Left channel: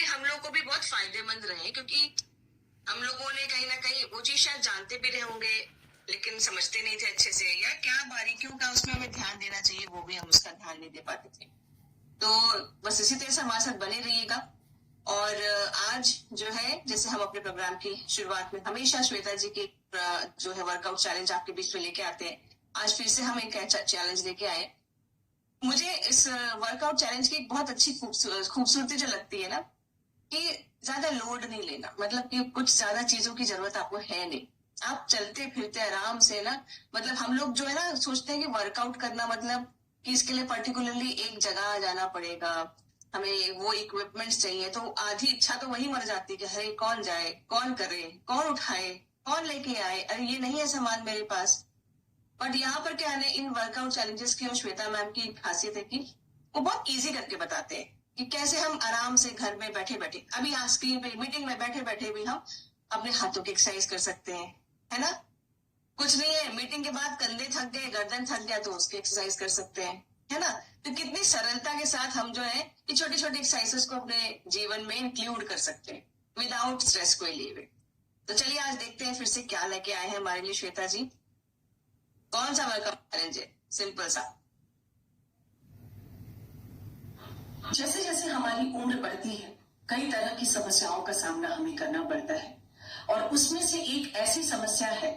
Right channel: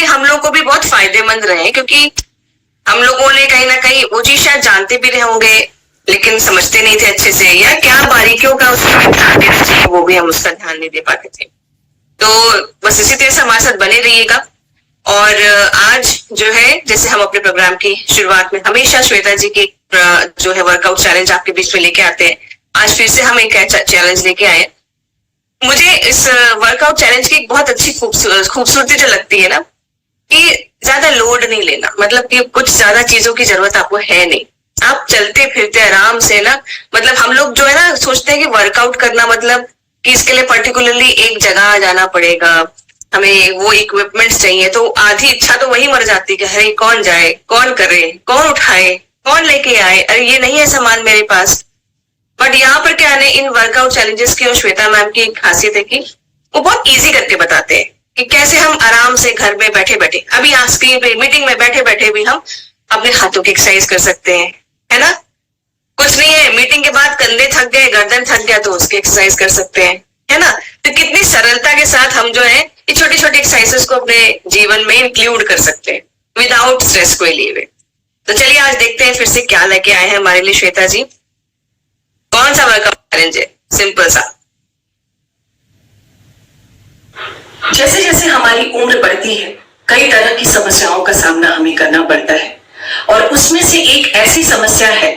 कहीं हम लोग को भी बहुत फायदेमंद रहे, क्योंकि हम लोगों ने कहीं ना कहीं वो चीज शायद जानते भी रहे होंगे लेकिन समझते नहीं थे अच्छे से, या क्या बारीकियों का उसमें ध्यान देना चाहिए वो भी हम उसका ध्यान नहीं दे पाते थे। तो बस इसी तरह से हमारे साथ बने रहिएगा। और आज जो है, जैसे हम अपने प्रोग्राम की शुरुआत में हमेशा श्वेता जी की जो है वर्कआउट चैलेंज आपके बीच में लेके आते हैं, आज फिर से हम एक चैलेंज लेके आए। मुझे इस वर्कआउट चैलेंज की एक बहुत अच्छी खूबसूरती जो लगती है ना, कि ज्यादा लोड नहीं लेना, मतलब कि कुछ ज्यादा चीजों की जरूरत आपको है नहीं, आप चलते फिरते आराम से ना, मतलब हम लोग जो है ना सोचते हैं कि वर्कआउट करना मतलब कि इसके लिए पर्टिकुलरली एक जगह जाना पड़ेगा, हमें वो इक्विपमेंट्स चाहिए, तो आधी इच्छा तो वही मर जाती है कि अरे कौन जाए, कौन करे, कौन उठाए, कौन लेके आए, अरे ये नहीं है सामान मेरे पास। बट यहाँ पर क्या है, इन वर्कआउट चैलेंजेस की और श्वेता मैम की खासियत है कि वो बहुत इजी करके बताते हैं कि कैसे हम आराम से घर में बैठे बैठे, अभी यहाँ स्क्रीन पे मीटिंग में बैठे बैठे भी हम अपने हाथों की एक्सरसाइज कर सकते हैं, है ना। कुछ नहीं है, मीटिंग के बाद कंधे थक गए, गर्दन थक गया तो उसकी एक्सरसाइज कर सकते हैं, है ना। तो कितनी सरलता के साथ हम जो है ये छोटी छोटी एक्सरसाइजेस को अपने जीवन में इंक्लूड कर सकते हैं विदाउट स्ट्रेस को लिए हुए। तो चलिए आज देखते हैं फिर से क्या लेके आए हैं हमारे लिए श्वेता जी। कौन सा वर्कआउट चैलेंज है? सिंपल सा। जैसे जैसे हमारी उम्र बढ़ती है, कई तरह की समस्याओं का सामना हमें करना पड़ता है, और उसमें से एक ऐसी समस्या है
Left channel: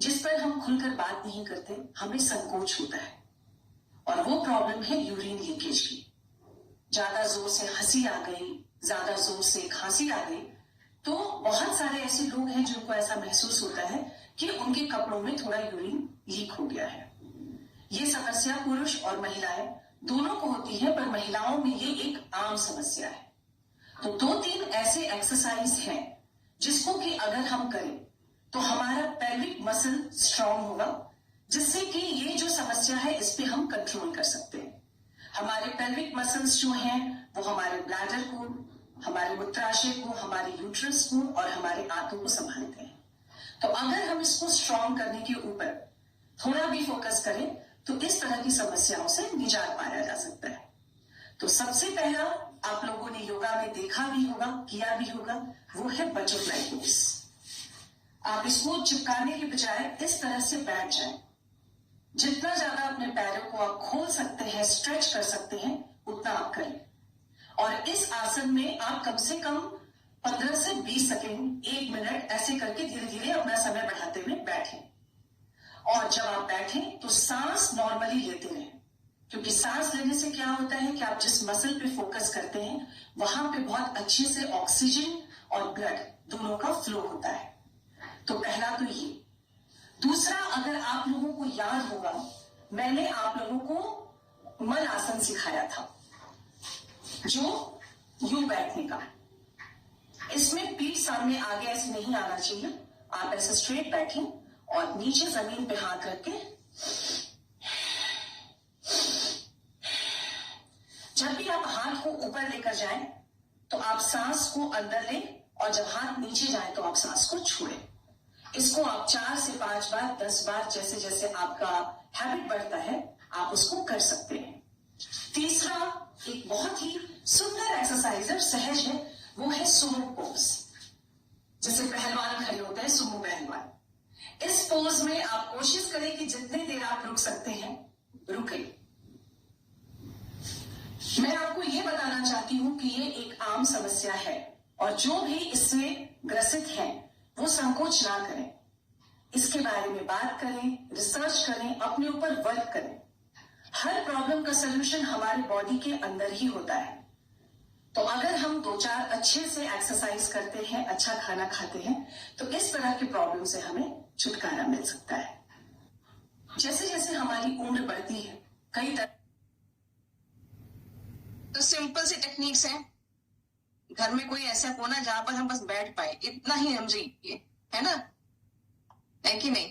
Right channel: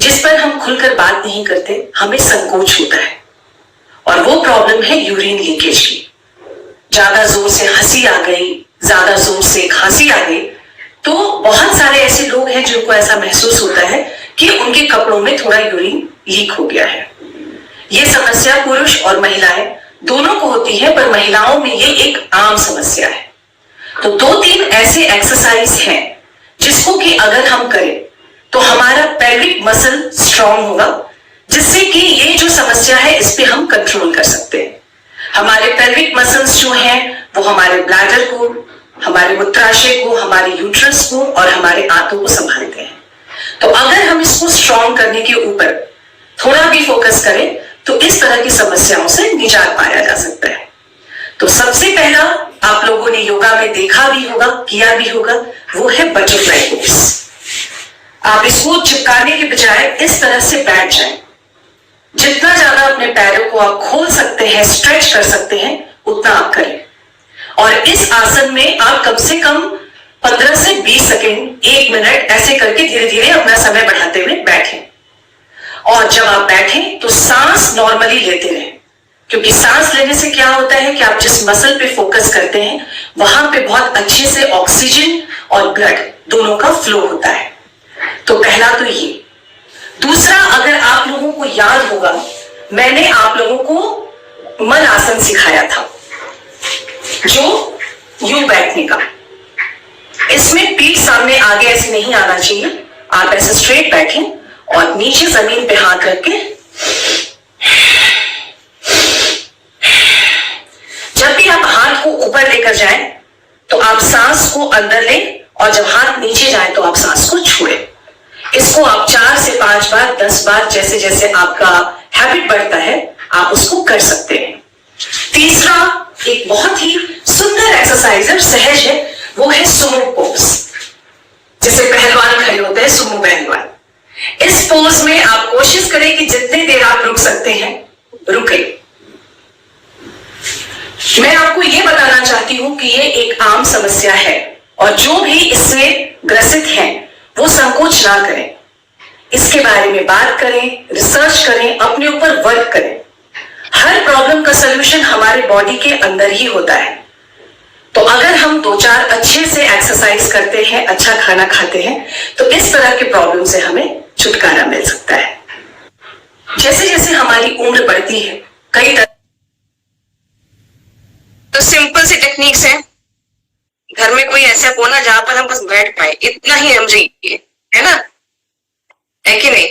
जिस पर हम खुलकर बात नहीं करते, हमें संकोच होता है, और वो प्रॉब्लम है यूरिन लीकेज की। ज्यादा जोर से हंसी आ गई, ज्यादा जोर से खांसी आ गई, तो बहुत सारे ऐसे लोग हैं जिनको ऐसा महसूस होता है कि उनके कपड़ों में थोड़ा यूरिन लीक हो गया है। ये समस्या पुरुष और महिलाएं दोनों को होती है, पर महिलाओं में ये एक आम समस्या है। तो 2-3 ऐसे एक्सरसाइज हैं जिसको कि अगर हम करें तो हमारा पेल्विक मसल स्ट्रांग होगा, जिससे कि ये जो समस्या है इस पे हम कंट्रोल कर सकते हैं। हमारे पेल्विक मसल्स जो हैं वो हमारे ब्लैडर को, हमारे मूत्राशय को, हमारे यूट्रस को और हमारे आंतों को संभालते हैं। तो अगर हम इसको स्ट्रांग करने के ऊपर थोड़ा भी फोकस करें तो इस तरह की समस्याओं से निजात पाया जा सकता है। तो सबसे पहला आप लोगों ने योगा में देखा भी होगा, किया भी होगा, वो है बटरफ्लाई पोज। आप इसको चिपकाने के बजाय इस तरह से बैठ जाएं। जितना ज्यादा अपने पैरों को आप खोल सकते हैं, स्ट्रेच कर सकते हैं, उतना आप करें। और इस आसन में आप कम से कम 15 से 20 सेकेंड, 1 मिनट ऐसे करके धीरे धीरे अपना समय बढ़ाते हुए बैठें। और जब आप बैठें तो सांस नॉर्मली लेते रहें, क्योंकि सांस लेने से क्या होता है कि आप जिस मसल पे फोकस करते हैं वहां पे बहुत अच्छे से ऑक्सीजन और ब्लड दोनों का फ्लो होता है। तो पहला तो ये। दूसरा, अगर आप लोगों को याद होगा, मैंने आप लोगों को मल आसन सिखाया था, जो यूं बैठने का। इसमें पीठ सामने आगे ऐसे नहीं आना चाहिए, आप ऐसे स्ट्रेट बैठें और नीचे जमीन पे हाथ रख के, जब भी आप हाथ को ऊपर लेकर जाएं तो आप सांस को अंदर लें, और जब हाथ नीचे जाए तो आप सांस को छोड़ें। इसको आप 4 से 5 बार, 10 बार, जैसे जैसे आपका हैबिट बढ़ता है आप उसको कर सकते हैं। तीसरा, एक बहुत ही सुंदर एक्सरसाइज है, सहज है, वो है सुमो पोज। जैसे पहलवान खड़े होते हैं, सुमो पहलवान। इस पोज में आप कोशिश करें कि जितनी देर आप रुक सकते हैं रुके। मैं आपको यह बताना चाहती हूं कि यह एक आम समस्या है, और जो भी इससे ग्रसित हैं वो संकोच ना करें, इसके बारे में बात करें, रिसर्च करें, अपने ऊपर वर्क करें। हर प्रॉब्लम का सलूशन हमारे बॉडी के अंदर ही होता है। तो अगर हम 2-4 अच्छे से एक्सरसाइज करते हैं, अच्छा खाना खाते हैं, तो इस तरह के प्रॉब्लम से हमें छुटकारा मिल सकता है। जैसे जैसे हमारी उम्र बढ़ती है, कई तरह तो सिंपल सी टेक्निक्स है। घर में कोई ऐसा कोना जहां पर हम बस बैठ पाए, इतना ही हम चाहिए, है ना, है कि नहीं।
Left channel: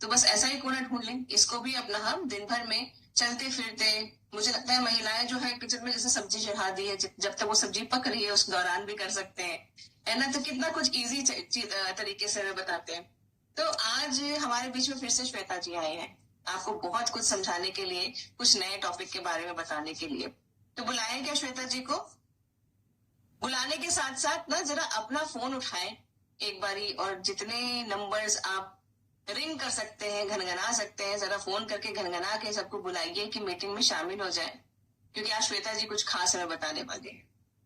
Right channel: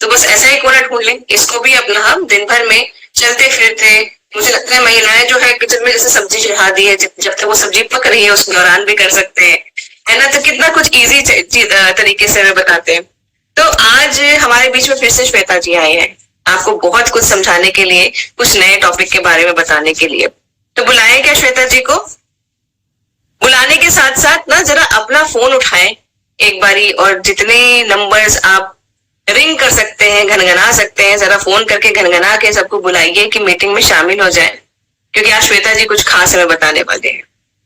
तो बस ऐसा ही कोना ढूंढ लें। इसको भी अपना हम दिन भर में चलते फिरते, मुझे लगता है महिलाएं जो है किचन में जैसे सब्जी चढ़ा दी है, जब तक वो सब्जी पक रही है उस दौरान भी कर सकते हैं, है ना। तो कितना कुछ इजी तरीके से हमें बताते हैं। तो आज हमारे बीच में फिर से श्वेता जी आए हैं, आपको बहुत कुछ समझाने के लिए, कुछ नए टॉपिक के बारे में बताने के लिए। तो बुलाएं क्या श्वेता जी को? बुलाने साथ साथ ना जरा अपना फोन उठाएं एक बारी, और जितने नंबर्स आप रिंग कर सकते हैं, घनघना सकते हैं, जरा फोन करके घनघना के सबको बुलाइए कि मीटिंग में शामिल हो जाए, क्योंकि आज श्वेता जी कुछ खास हमें बताने वाले हैं।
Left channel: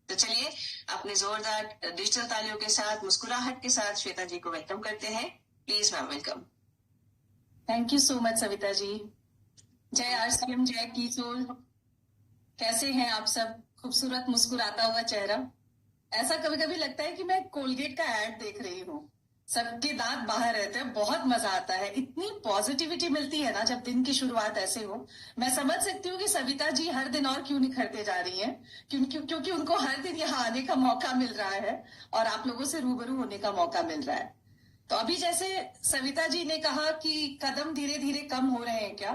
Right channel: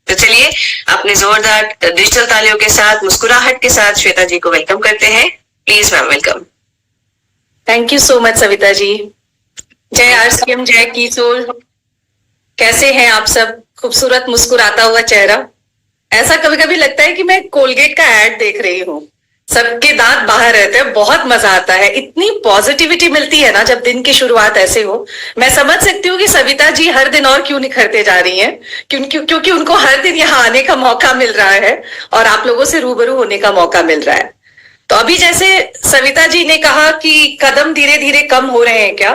तो चलिए अपने जोरदार डिजिटल तालियों के साथ, मुस्कुराहट के साथ श्वेता जी को वेलकम करते हैं। Please ma'am, welcome. Thank you so much Savita ji. जय आरसीएम, जय किशोर। कैसे हैं आप सब? खूबसूरत मुस्कुराता हुआ चेहरा। ऐसा कभी कभी लगता है कि मैं कोलगेट का एड देख रही हूँ। सबके दांत बाहर रहते हैं, बहुत मजा आता है। इतनी पॉजिटिविटी मिलती है ना जब दिन की शुरुआत ऐसे हो। मैं समझ सकती हूँ कि सविता जी हर दिन और क्यों निखरते जा रही हैं, क्योंकि उनको हर दिन यहाँ आने का मौका मिल रहा है और आप लोगों से रूबरू होने का मौका मिल रहा है। तो अभी जैसे सविता जी ने कहा कि कदम धीरे धीरे कम हो रहे हैं, क्या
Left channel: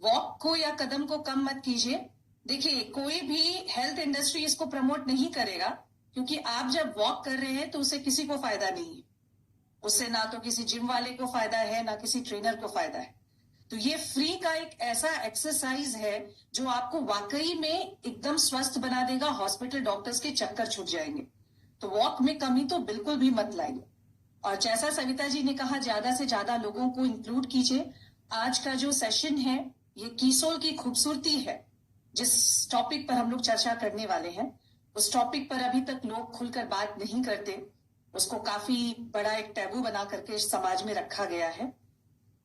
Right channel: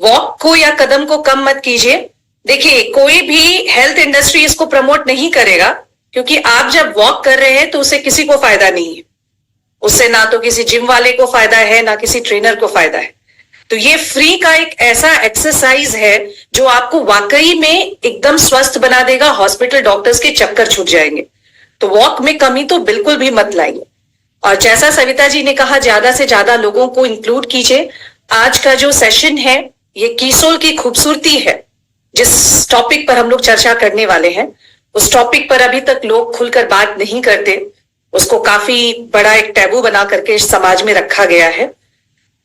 वॉक को या कदम को कम मत कीजिए। देखिए, कोई भी हेल्थ इंडस्ट्री इसको प्रमोट नहीं करेगा, क्योंकि आप जब वॉक कर रहे हैं तो उससे किसी को फायदा नहीं है। उससे ना तो किसी जिम वाले को फायदा है, ना किसी ट्रेनर को फायदा है। तो ये फ्री का एक ऐसा एक्सरसाइज है जो आपको वाकई में एकदम स्वस्थ बना देगा। हॉस्पिटल डॉक्टर्स के चक्कर छूट जाएंगे। तो वॉक में कमी तो बिल्कुल भी मत लाइए। और जैसा सविता जी ने कहा, ज्यादा से ज्यादा लोगों को इंक्लूड कीजिए। आज का जो सेशन है ये कीसोल की खूबसूरती है। जिस टॉपिक पर हम लोग चर्चा करने वाले हैं, उस टॉपिक पर अभी तक लोग खुलकर बात नहीं करते। उसको काफी बड़ा एक टैबू बना करके समाज में रखा गया है।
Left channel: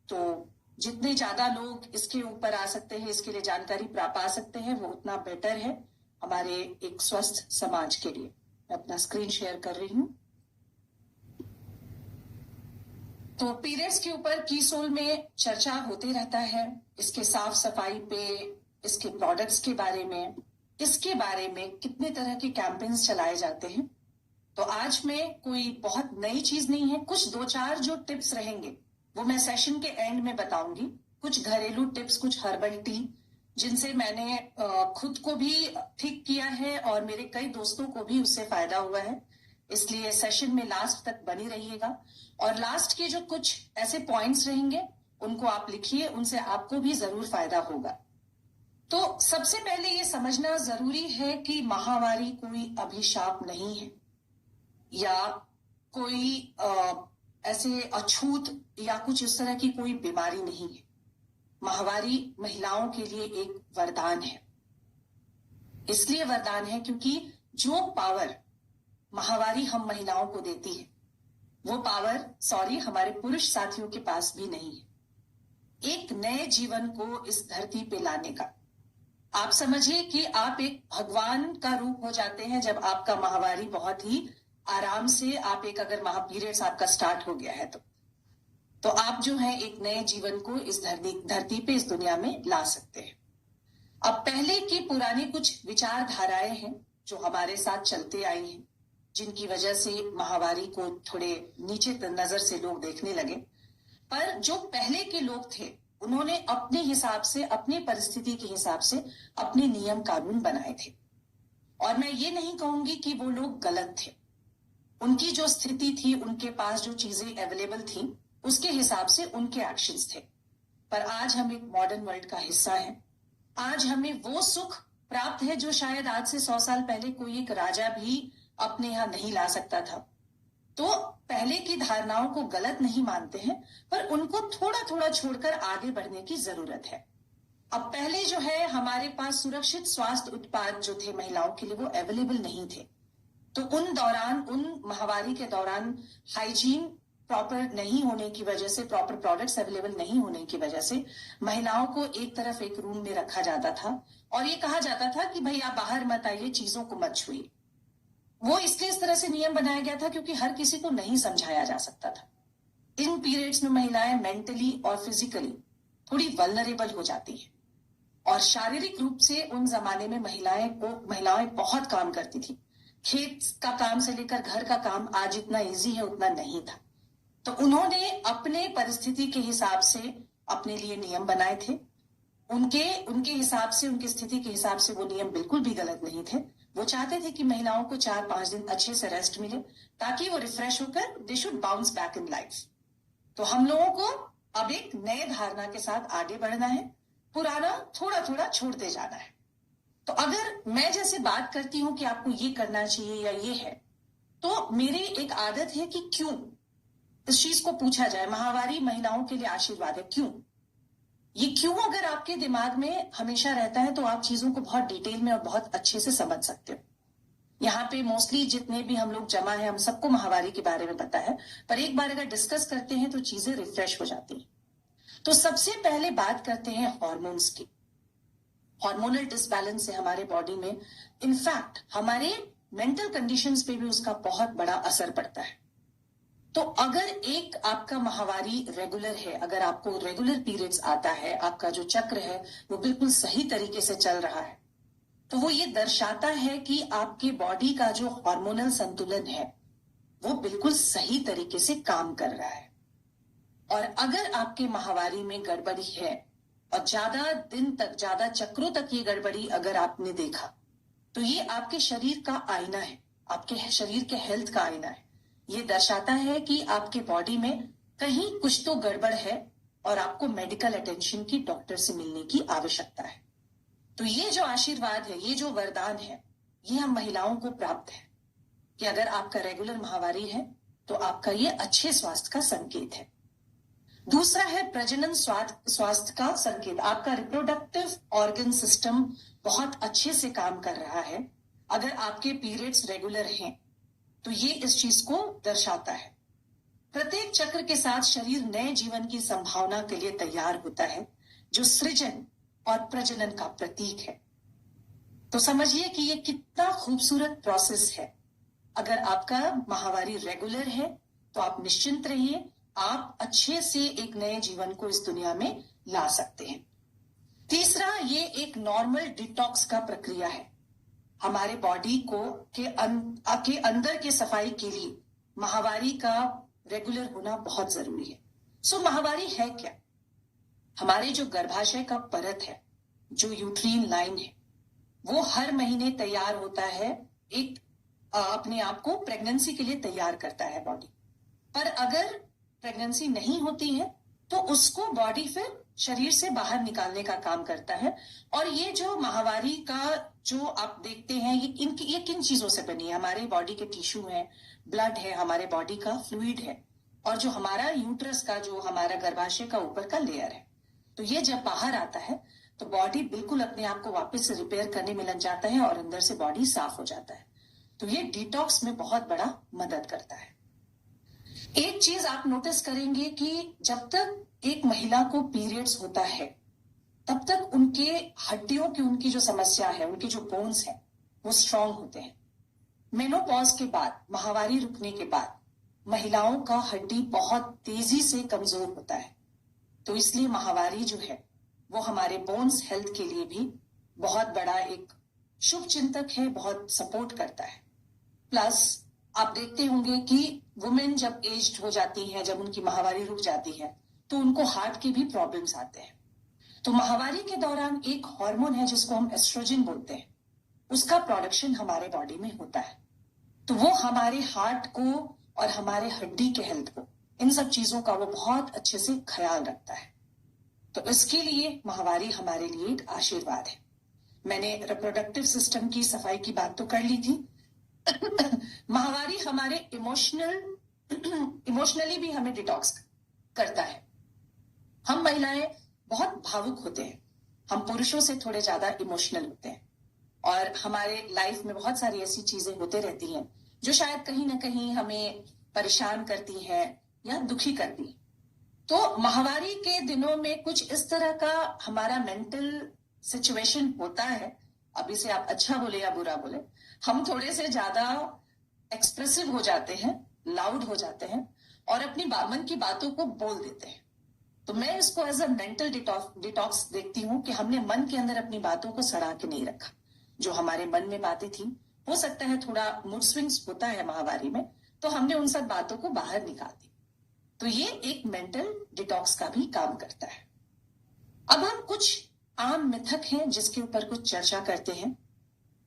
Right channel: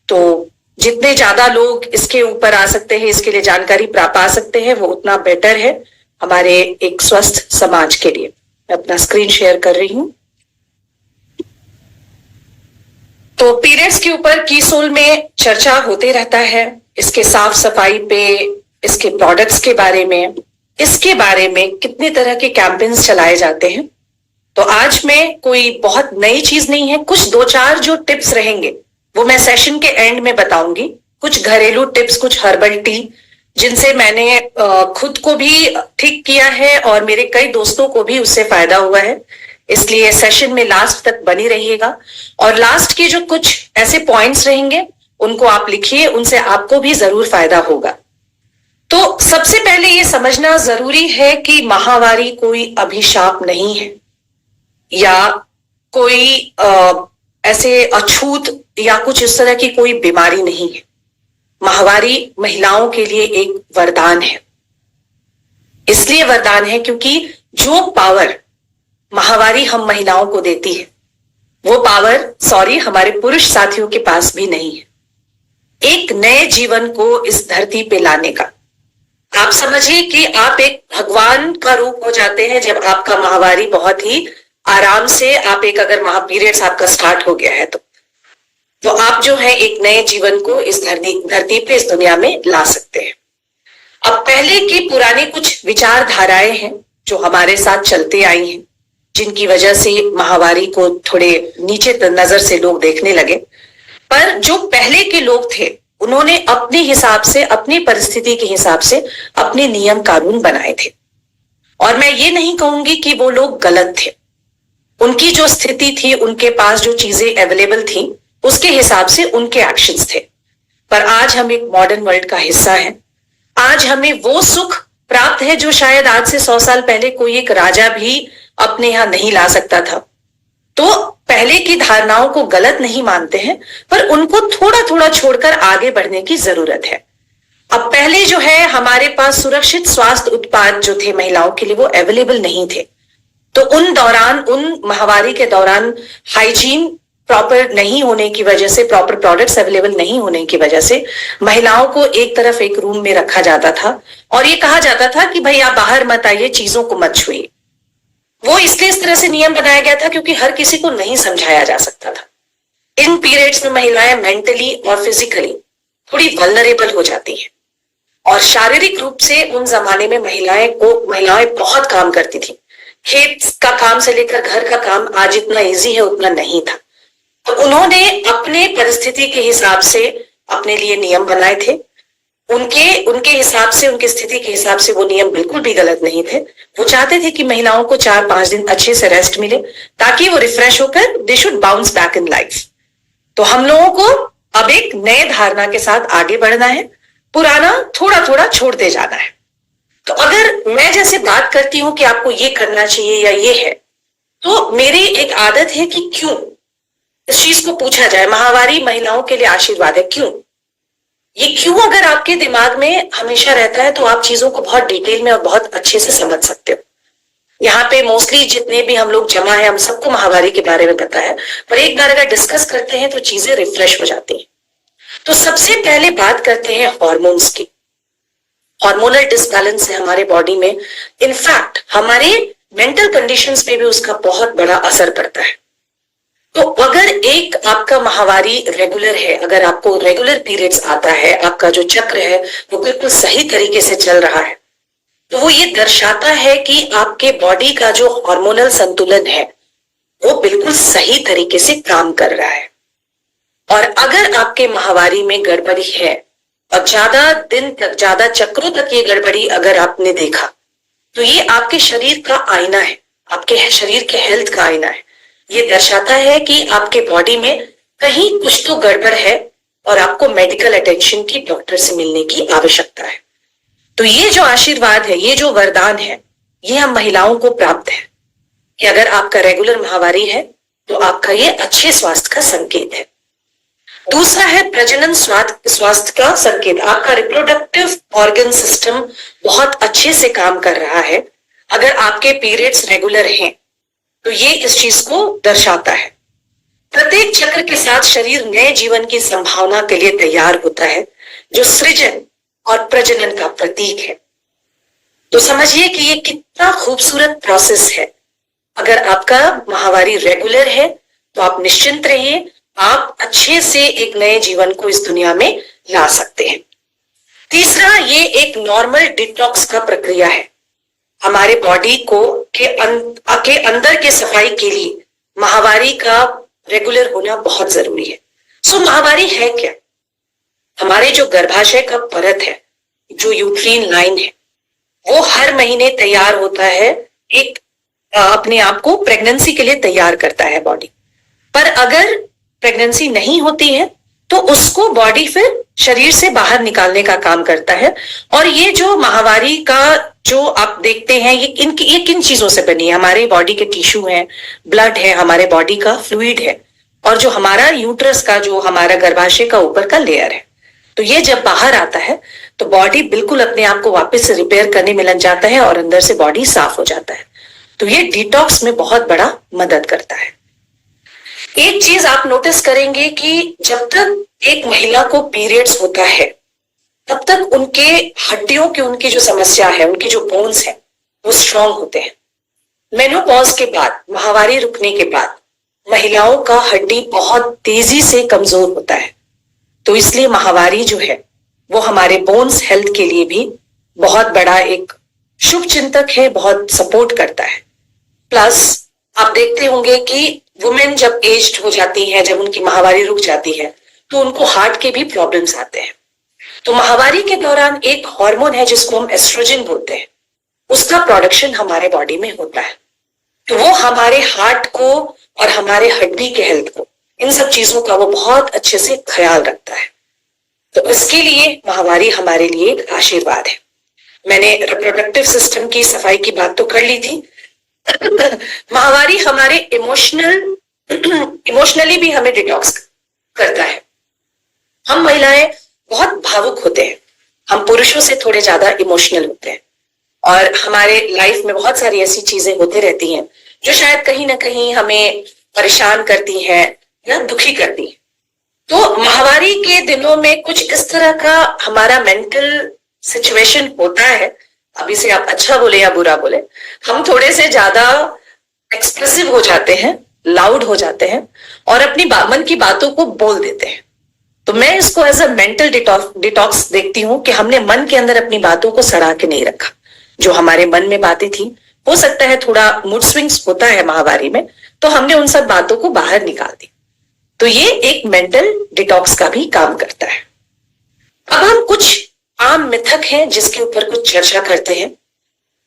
तो जितने ज्यादा लोग इसके ऊपर आ सकते हैं, इसके लिए जानकारी पा सकते हैं, वो उतना बेटर है हमारे एक स्वस्थ समाज के लिए। मैं अपना स्क्रीन शेयर कर रही हूं। तो पीरियड्स के ऊपर कीसोल में चर्चा होते रहता है। इसके साफ सफाई पे, इसके प्रोडक्ट्स के बारे में, इसके बारे में कितने तरह के कैंपेन्स चलाए जाते हैं। तो आज में कोई बहुत नई चीज नहीं है। कुछ दो चार जो टिप्स रहेंगे वो मैं सेशन के एंड में बताऊंगी। कुछ घरेलू टिप्स, कुछ हर्बल टी, जिनसे मैंने खुद को भी ठीक किया है और मेरे कई दोस्तों को भी उससे फायदा हुआ है। इसलिए सेशन में लास्ट तक बनी रहिएगा। और लास्ट के जो कुछ ऐसे पॉइंट्स रहेंगे उनको आप लिखिए, उनसे आपको भी जरूर फायदा होगा। तो सबसे पहले ये समझना जरूरी है कि महावारी कोई अभिशाप नहीं है या कोई ऐसे अछूत या कुछ इस तरह की कोई बीमारी नहीं है। माहवारी महिलाओं के लिए एक वरदान है। इसलिए वरदान है क्योंकि जो पावर माहवारी हम महिलाओं को देती है, वो पावर हमारे पुरुष साथियों के पास भी नहीं है। एक नए जीवन को इस धरती पे लाने का। आप समझिए कि आप एक भगवान का रूप हो जाते हैं जब आपका माहवारी बहुत ही आराम से, आप एक अगर पीरियड्स आपका स्टार्ट हो गया है तो आप जो है एक नए जीवन को इस धरती पे, इस दुनिया में ला सकते हैं। अब पहले की पुरानी कुछ विचारधाराएं हैं जो हमारे साथ चलते आई हैं, जिनकी वजह से माहवारी को थोड़े नीचे नजर से लोग देखने लगे। पर जो पहले के लोग थे उन्होंने अपने हिसाब से, अपनी परिस्थिति के हिसाब से अपने नियम कानून बनाए थे। और मैं ये नहीं कहूंगी कि वो लोग गलत थे। उनकी जो स्थिति थी, उनके पास जो चीजें अवेलेबल थी, उसके हिसाब से उनके एक्शंस थे। पर आज हम एक मॉडर्न वर्ल्ड का हिस्सा हैं। आज हमें वो सुख प्राप्त है जो शायद आज से 100 साल पहले कोई एक राजा भी अपने यहां नहीं ला सकता था। तो पहले की धारणाओं को गलत नहीं मानते हैं, पर उनको थोड़ा थोड़ा छोड़कर आगे बढ़ने की जरूरत है। अब पहले जो है हमारे पास सुरक्षित स्वास्थ्य उत्पाद जो थे महिलाओं के लिए, वो अवेलेबल नहीं थे। तो उन दौरान, उन माहवारी के दौरान हाइजीन प्रॉपर नहीं होने की वजह से, प्रॉपर प्रोडक्ट्स अवेलेबल नहीं होने की वजह से महिलाओं को एक तरफ एक रूम में रखा जाता था और ये कहा जाता था कि भाई आप बाहर मत आइए, चीजों को मत छुइए। वो इसलिए इस तरह से नियम बनाया गया था क्योंकि हर किसी को नहीं समझाया जा सकता था। इन पीरियड्स में महिलाएं मेंटली और फिजिकली थोड़ी वल्नरेबल हो जाती हैं और शारीरिक रूप से उन जमाने में महिलाएं बहुत काम करती थी। खेत का काम से लेकर घर का काम आज इतना इजी है उतना नहीं था। तो उन्होंने अपने परिस्थिति के हिसाब से अपने लिए नियम बनाए थे। उनके हिसाब से, उनकी स्थिति के हिसाब से वो नियम बिल्कुल भी गलत नहीं थे। वो चाहते थे कि महिलाओं को 4-5 दिन अच्छे से रेस्ट मिले ताकि वो रिफ्रेश होकर they should bounce back in life. तो हम लोगों को अब एक नए धारणा के साथ आगे बढ़ना है, पुराना थोड़ा थोड़ा छोड़ते जाना है। तो अगर मैं जैसे बात करती हूं कि आपको ये करना चाहिए या ये है, तो मेरी एक आदत है कि क्यों इस चीज को पूछा जाए, माहवारी महिलाओं के लिए आशीर्वाद है, क्यों? ये क्यों अगर आपके दिमाग में हमेशा रहता है तो आप चीजों को बहुत डिटेल में और बहुत अच्छे से समझ सकते हो। यहाँ पे मोस्टली जितने भी हम लोग जमा है, हम सबको माहवारी के बारे में पता है, पर एक बार अगर डिस्कस करते हैं तो चीजें रिफ्रेश हो जाती हैं। तो सबसे पहले बात करते हैं हॉर्मोन्स की। हार्मोनल डिसबैलेंस है हमारे बॉडी में, इनफैक्ट हमारे मेंटल कंडीशंस पे भी उसका बहुत बड़ा असर पड़ता है। तो अगर एक आपका माहवारी रेगुलर है, अगर आपको रेगुलर पीरियड्स आता है, आपका जो चक्र है वो बिल्कुल सही तरीके से चल रहा है, तो वो ये दर्शाता है कि आपके बॉडी का जो हार्मोनल संतुलन है वो बिल्कुल सही तरीके से काम कर रहा है। और अगर आपके माहवारी में गड़बड़ी है और ज्यादा दिन तक, ज्यादा चक्रों तक ये गड़बड़ी अगर आपने देखा, तो ये आपके शरीर का आईना है, आपके शरीर के हेल्थ का आईना है। ये दर्शाता है कि आपके बॉडी में कहीं कुछ तो गड़बड़ है और आपको मेडिकल अटेंशन की, डॉक्टर से मिलने की आवश्यकता है। तो ये जो आशीर्वाद है, ये जो वरदान है, ये हम महिलाओं को प्राप्त है कि अगर आपका रेगुलर माहवारी है तो आपका ये अच्छे स्वास्थ्य का संकेत है। दूसरा है प्रजनन स्वास्थ्य का संकेत। आपका रिप्रोडक्टिव ऑर्गन सिस्टम बहुत अच्छे से काम कर रहा है अगर आपके पीरियड्स रेगुलर हैं, तो ये इस चीज को दर्शाता है। प्रत्येक चक्र के साथ शरीर नए जीवन की संभावना के लिए तैयार होता है, जो सृजन और प्रजनन का प्रतीक है। तो समझिए कि ये कितना खूबसूरत प्रोसेस है। अगर आपका माहवारी रेगुलर है तो आप निश्चिंत रहिए, आप अच्छे से एक नए जीवन को इस दुनिया में ला सकते हैं। तीसरा, ये एक नॉर्मल डिटॉक्स का प्रक्रिया है। हमारे बॉडी को के अंदर के सफाई के लिए माहवारी का रेगुलर होना बहुत जरूरी है। सो माहवारी है क्या? हमारे जो गर्भाशय का परत है, जो यूट्रीन लाइन है, वो हर महीने तैयार होता है, एक अपने आप को प्रेगनेंसी के लिए तैयार करता है बॉडी। पर अगर प्रेगनेंसी नहीं होती है तो उसको बॉडी फिर शरीर से बाहर निकालने का काम करता है। और ये जो माहवारी का जो आप देखते हैं, ये किन चीजों से बनी है? हमारे बॉडी के टिश्यू हैं, ब्लड है, हमारे बॉडी का फ्लूइड है, और जो हमारा यूट्रस का, जो हमारा गर्भाशय का ऊपर का लेयर है। तो ये जब बाहर आता है तो बॉडी बिल्कुल अपने आप को वापस से रिपेयर करने में लग जाता है और अंदर से बॉडी साफ हो जाता है। तो ये डिटॉक्स में बहुत बड़ा मदद करता है। एक चीज आप नोटिस करेंगे कि जब तक एक महिला को पीरियड्स होता है तब तक उनके हड्डियों की, उनकी जो समस्या है, उनकी जो बोन्स है, वो स्ट्रांग होते हैं। मेनोपॉज के बाद, माहवारी रुकने के बाद, महिलाओं का हड्डी बहुत तेजी से कमजोर होता है। तो इसलिए माहवारी जो है वो हमारे बोन्स हेल्थ के लिए भी बहुत बड़ा एक शुभ चिंतक है, बहुत सपोर्ट करता है। प्लस आप देखते होंगे कि वुमेन जब एज्ड हो जाती है, जब उनकी माहवारी रुक जाती है, तो उनको हार्ट के भी प्रॉब्लम्स आते हैं। तो माहवारी के दौरान एक हार्मोन है जिसको हम एस्ट्रोजन बोलते हैं, उसका प्रोडक्शन हमारे बॉडी में होता है। तो वो हमारे हार्ट को और हमारे हड्डी के हेल्थ को, इन सब चीजों का वो बहुत अच्छे से ख्याल रखता है। तो इसके लिए माहवारी हमारे लिए एक आशीर्वाद है। मैंने रिप्रोडक्टिव सिस्टम की सफाई की बात तो कर ली थी। माहवारी हमारे इमोशनली भी हमें डिटॉक्स करता है। हम महिलाएं बहुत भावुक होते हैं, हम पुरुषों से थोड़े ज्यादा इमोशनल होते हैं, और हमारे लाइफ में बहुत सारी ऐसी चीजें होते रहती हैं जो शायद कहीं ना कहीं हमें परेशान करती हैं या दुखी करती हैं। तो माहवारी के दिनों में कुछ इस तरह का हमारा मेंटल सिचुएशन होता है, अभी से आप अच्छा बोले या बुरा बोले, हम थोड़े से ज्यादा एक्सप्रेसिव हो जाते हैं, लाउड हो जाते हैं और अपनी मन की बातों को बोल देते हैं। तो मैं इसको एज अ मेंटल डिटॉक्स देखती हूँ कि हमने मन के अंदर अपनी बातों को सड़ा के नहीं रखा। जो हमारे मन में बातें थी, हो सकता है थोड़ा मूड स्विंग्स होता है माहवारी में, तो हमने उन सब बातों को बाहर निकाल दी। तो ये एक मेंटल डिटॉक्स का भी काम करता है। अब हम कुछ आम मिथक हैं जिसके ऊपर कुछ चर्चा करते हैं,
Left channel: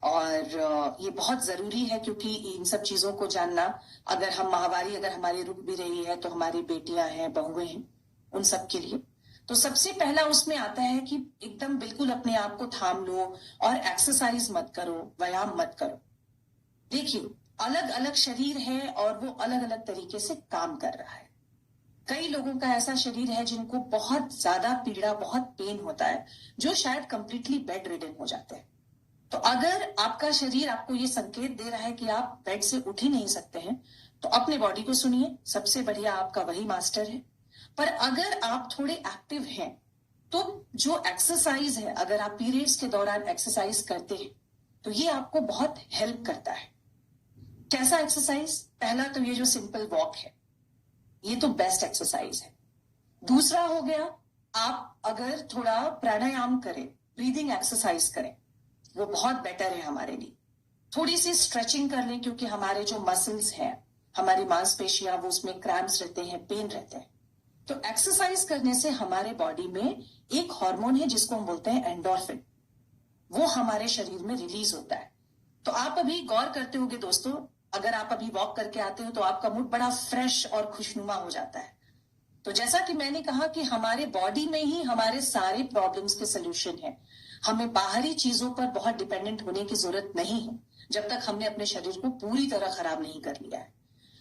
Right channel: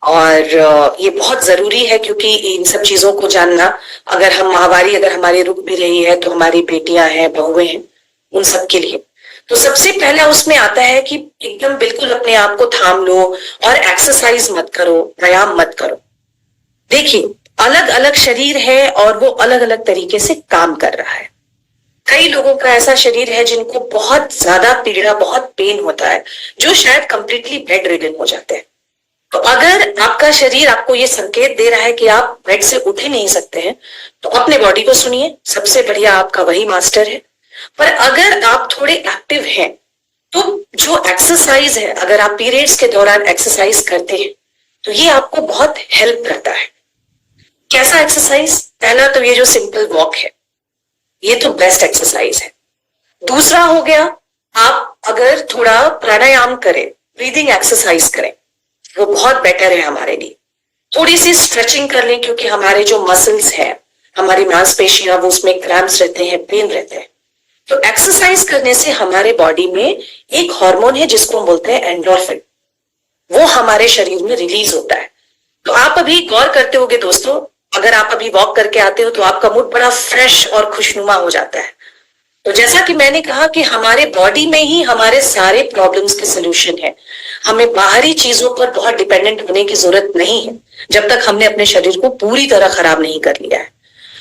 और ये बहुत जरूरी है क्योंकि इन सब चीजों को जानना, अगर हम माहवारी अगर हमारी रुक भी रही है तो हमारी बेटियां हैं, बहुएं हैं, उन सब के लिए। तो सबसे पहला उसमें आता है कि एकदम बिल्कुल अपने आप को थाम लो और एक्सरसाइज मत करो, व्यायाम मत करो। देखिए, अलग अलग शरीर है और वो अलग अलग तरीके से काम कर रहा है। कई लोगों का ऐसा शरीर है जिनको बहुत ज्यादा पीड़ा, बहुत पेन होता है, जो शायद कंप्लीटली बेड रिडन हो जाते हैं। तो अगर आपका शरीर आपको ये संकेत दे रहा है कि आप बेड से उठ ही नहीं सकते हैं, तो अपने बॉडी को सुनिए, सबसे बढ़िया आपका वही मास्टर है। पर अगर आप थोड़े एक्टिव हैं, तो जो एक्सरसाइज है, अगर आप पीरियड्स के दौरान एक्सरसाइज करते हैं तो ये आपको बहुत हेल्प करता है। कैसा एक्सरसाइज? पहला तो ये जो सिंपल वॉक है, ये तो बेस्ट एक्सरसाइज है। दूसरा हो गया, आप अगर थोड़ा प्राणायाम करें, ब्रीदिंग एक्सरसाइज करें, वो बहुत बेटर है हमारे लिए। थोड़ी सी स्ट्रेचिंग कर लें, क्योंकि हमारे जो मसल्स हैं, हमारी मांसपेशियां, वो उसमें क्रैम्प्स रहते हैं, पेन रहते हैं। तो एक्सरसाइज करने से हमारे बॉडी में एक हार्मोन है जिसको हम बोलते हैं एंडोर्फिन, वो हमारे शरीर में रिलीज होता है। तो आप अभी गौर करते होंगे दोस्तों, अगर आप अभी वॉक करके आते हो तो आपका मूड बड़ा फ्रेश और खुशनुमा हो जाता है। तो जैसा कि मैंने कहा कि हमारे बॉडी में ही हमारे सारे प्रॉब्लम्स के सलूशन है। हमें बाहरी चीजों पर बहुत डिपेंडेंट होने की जरूरत नहीं है, जब तक हमने अपने शरीर को पूरी तरह खराब नहीं कर लिया है।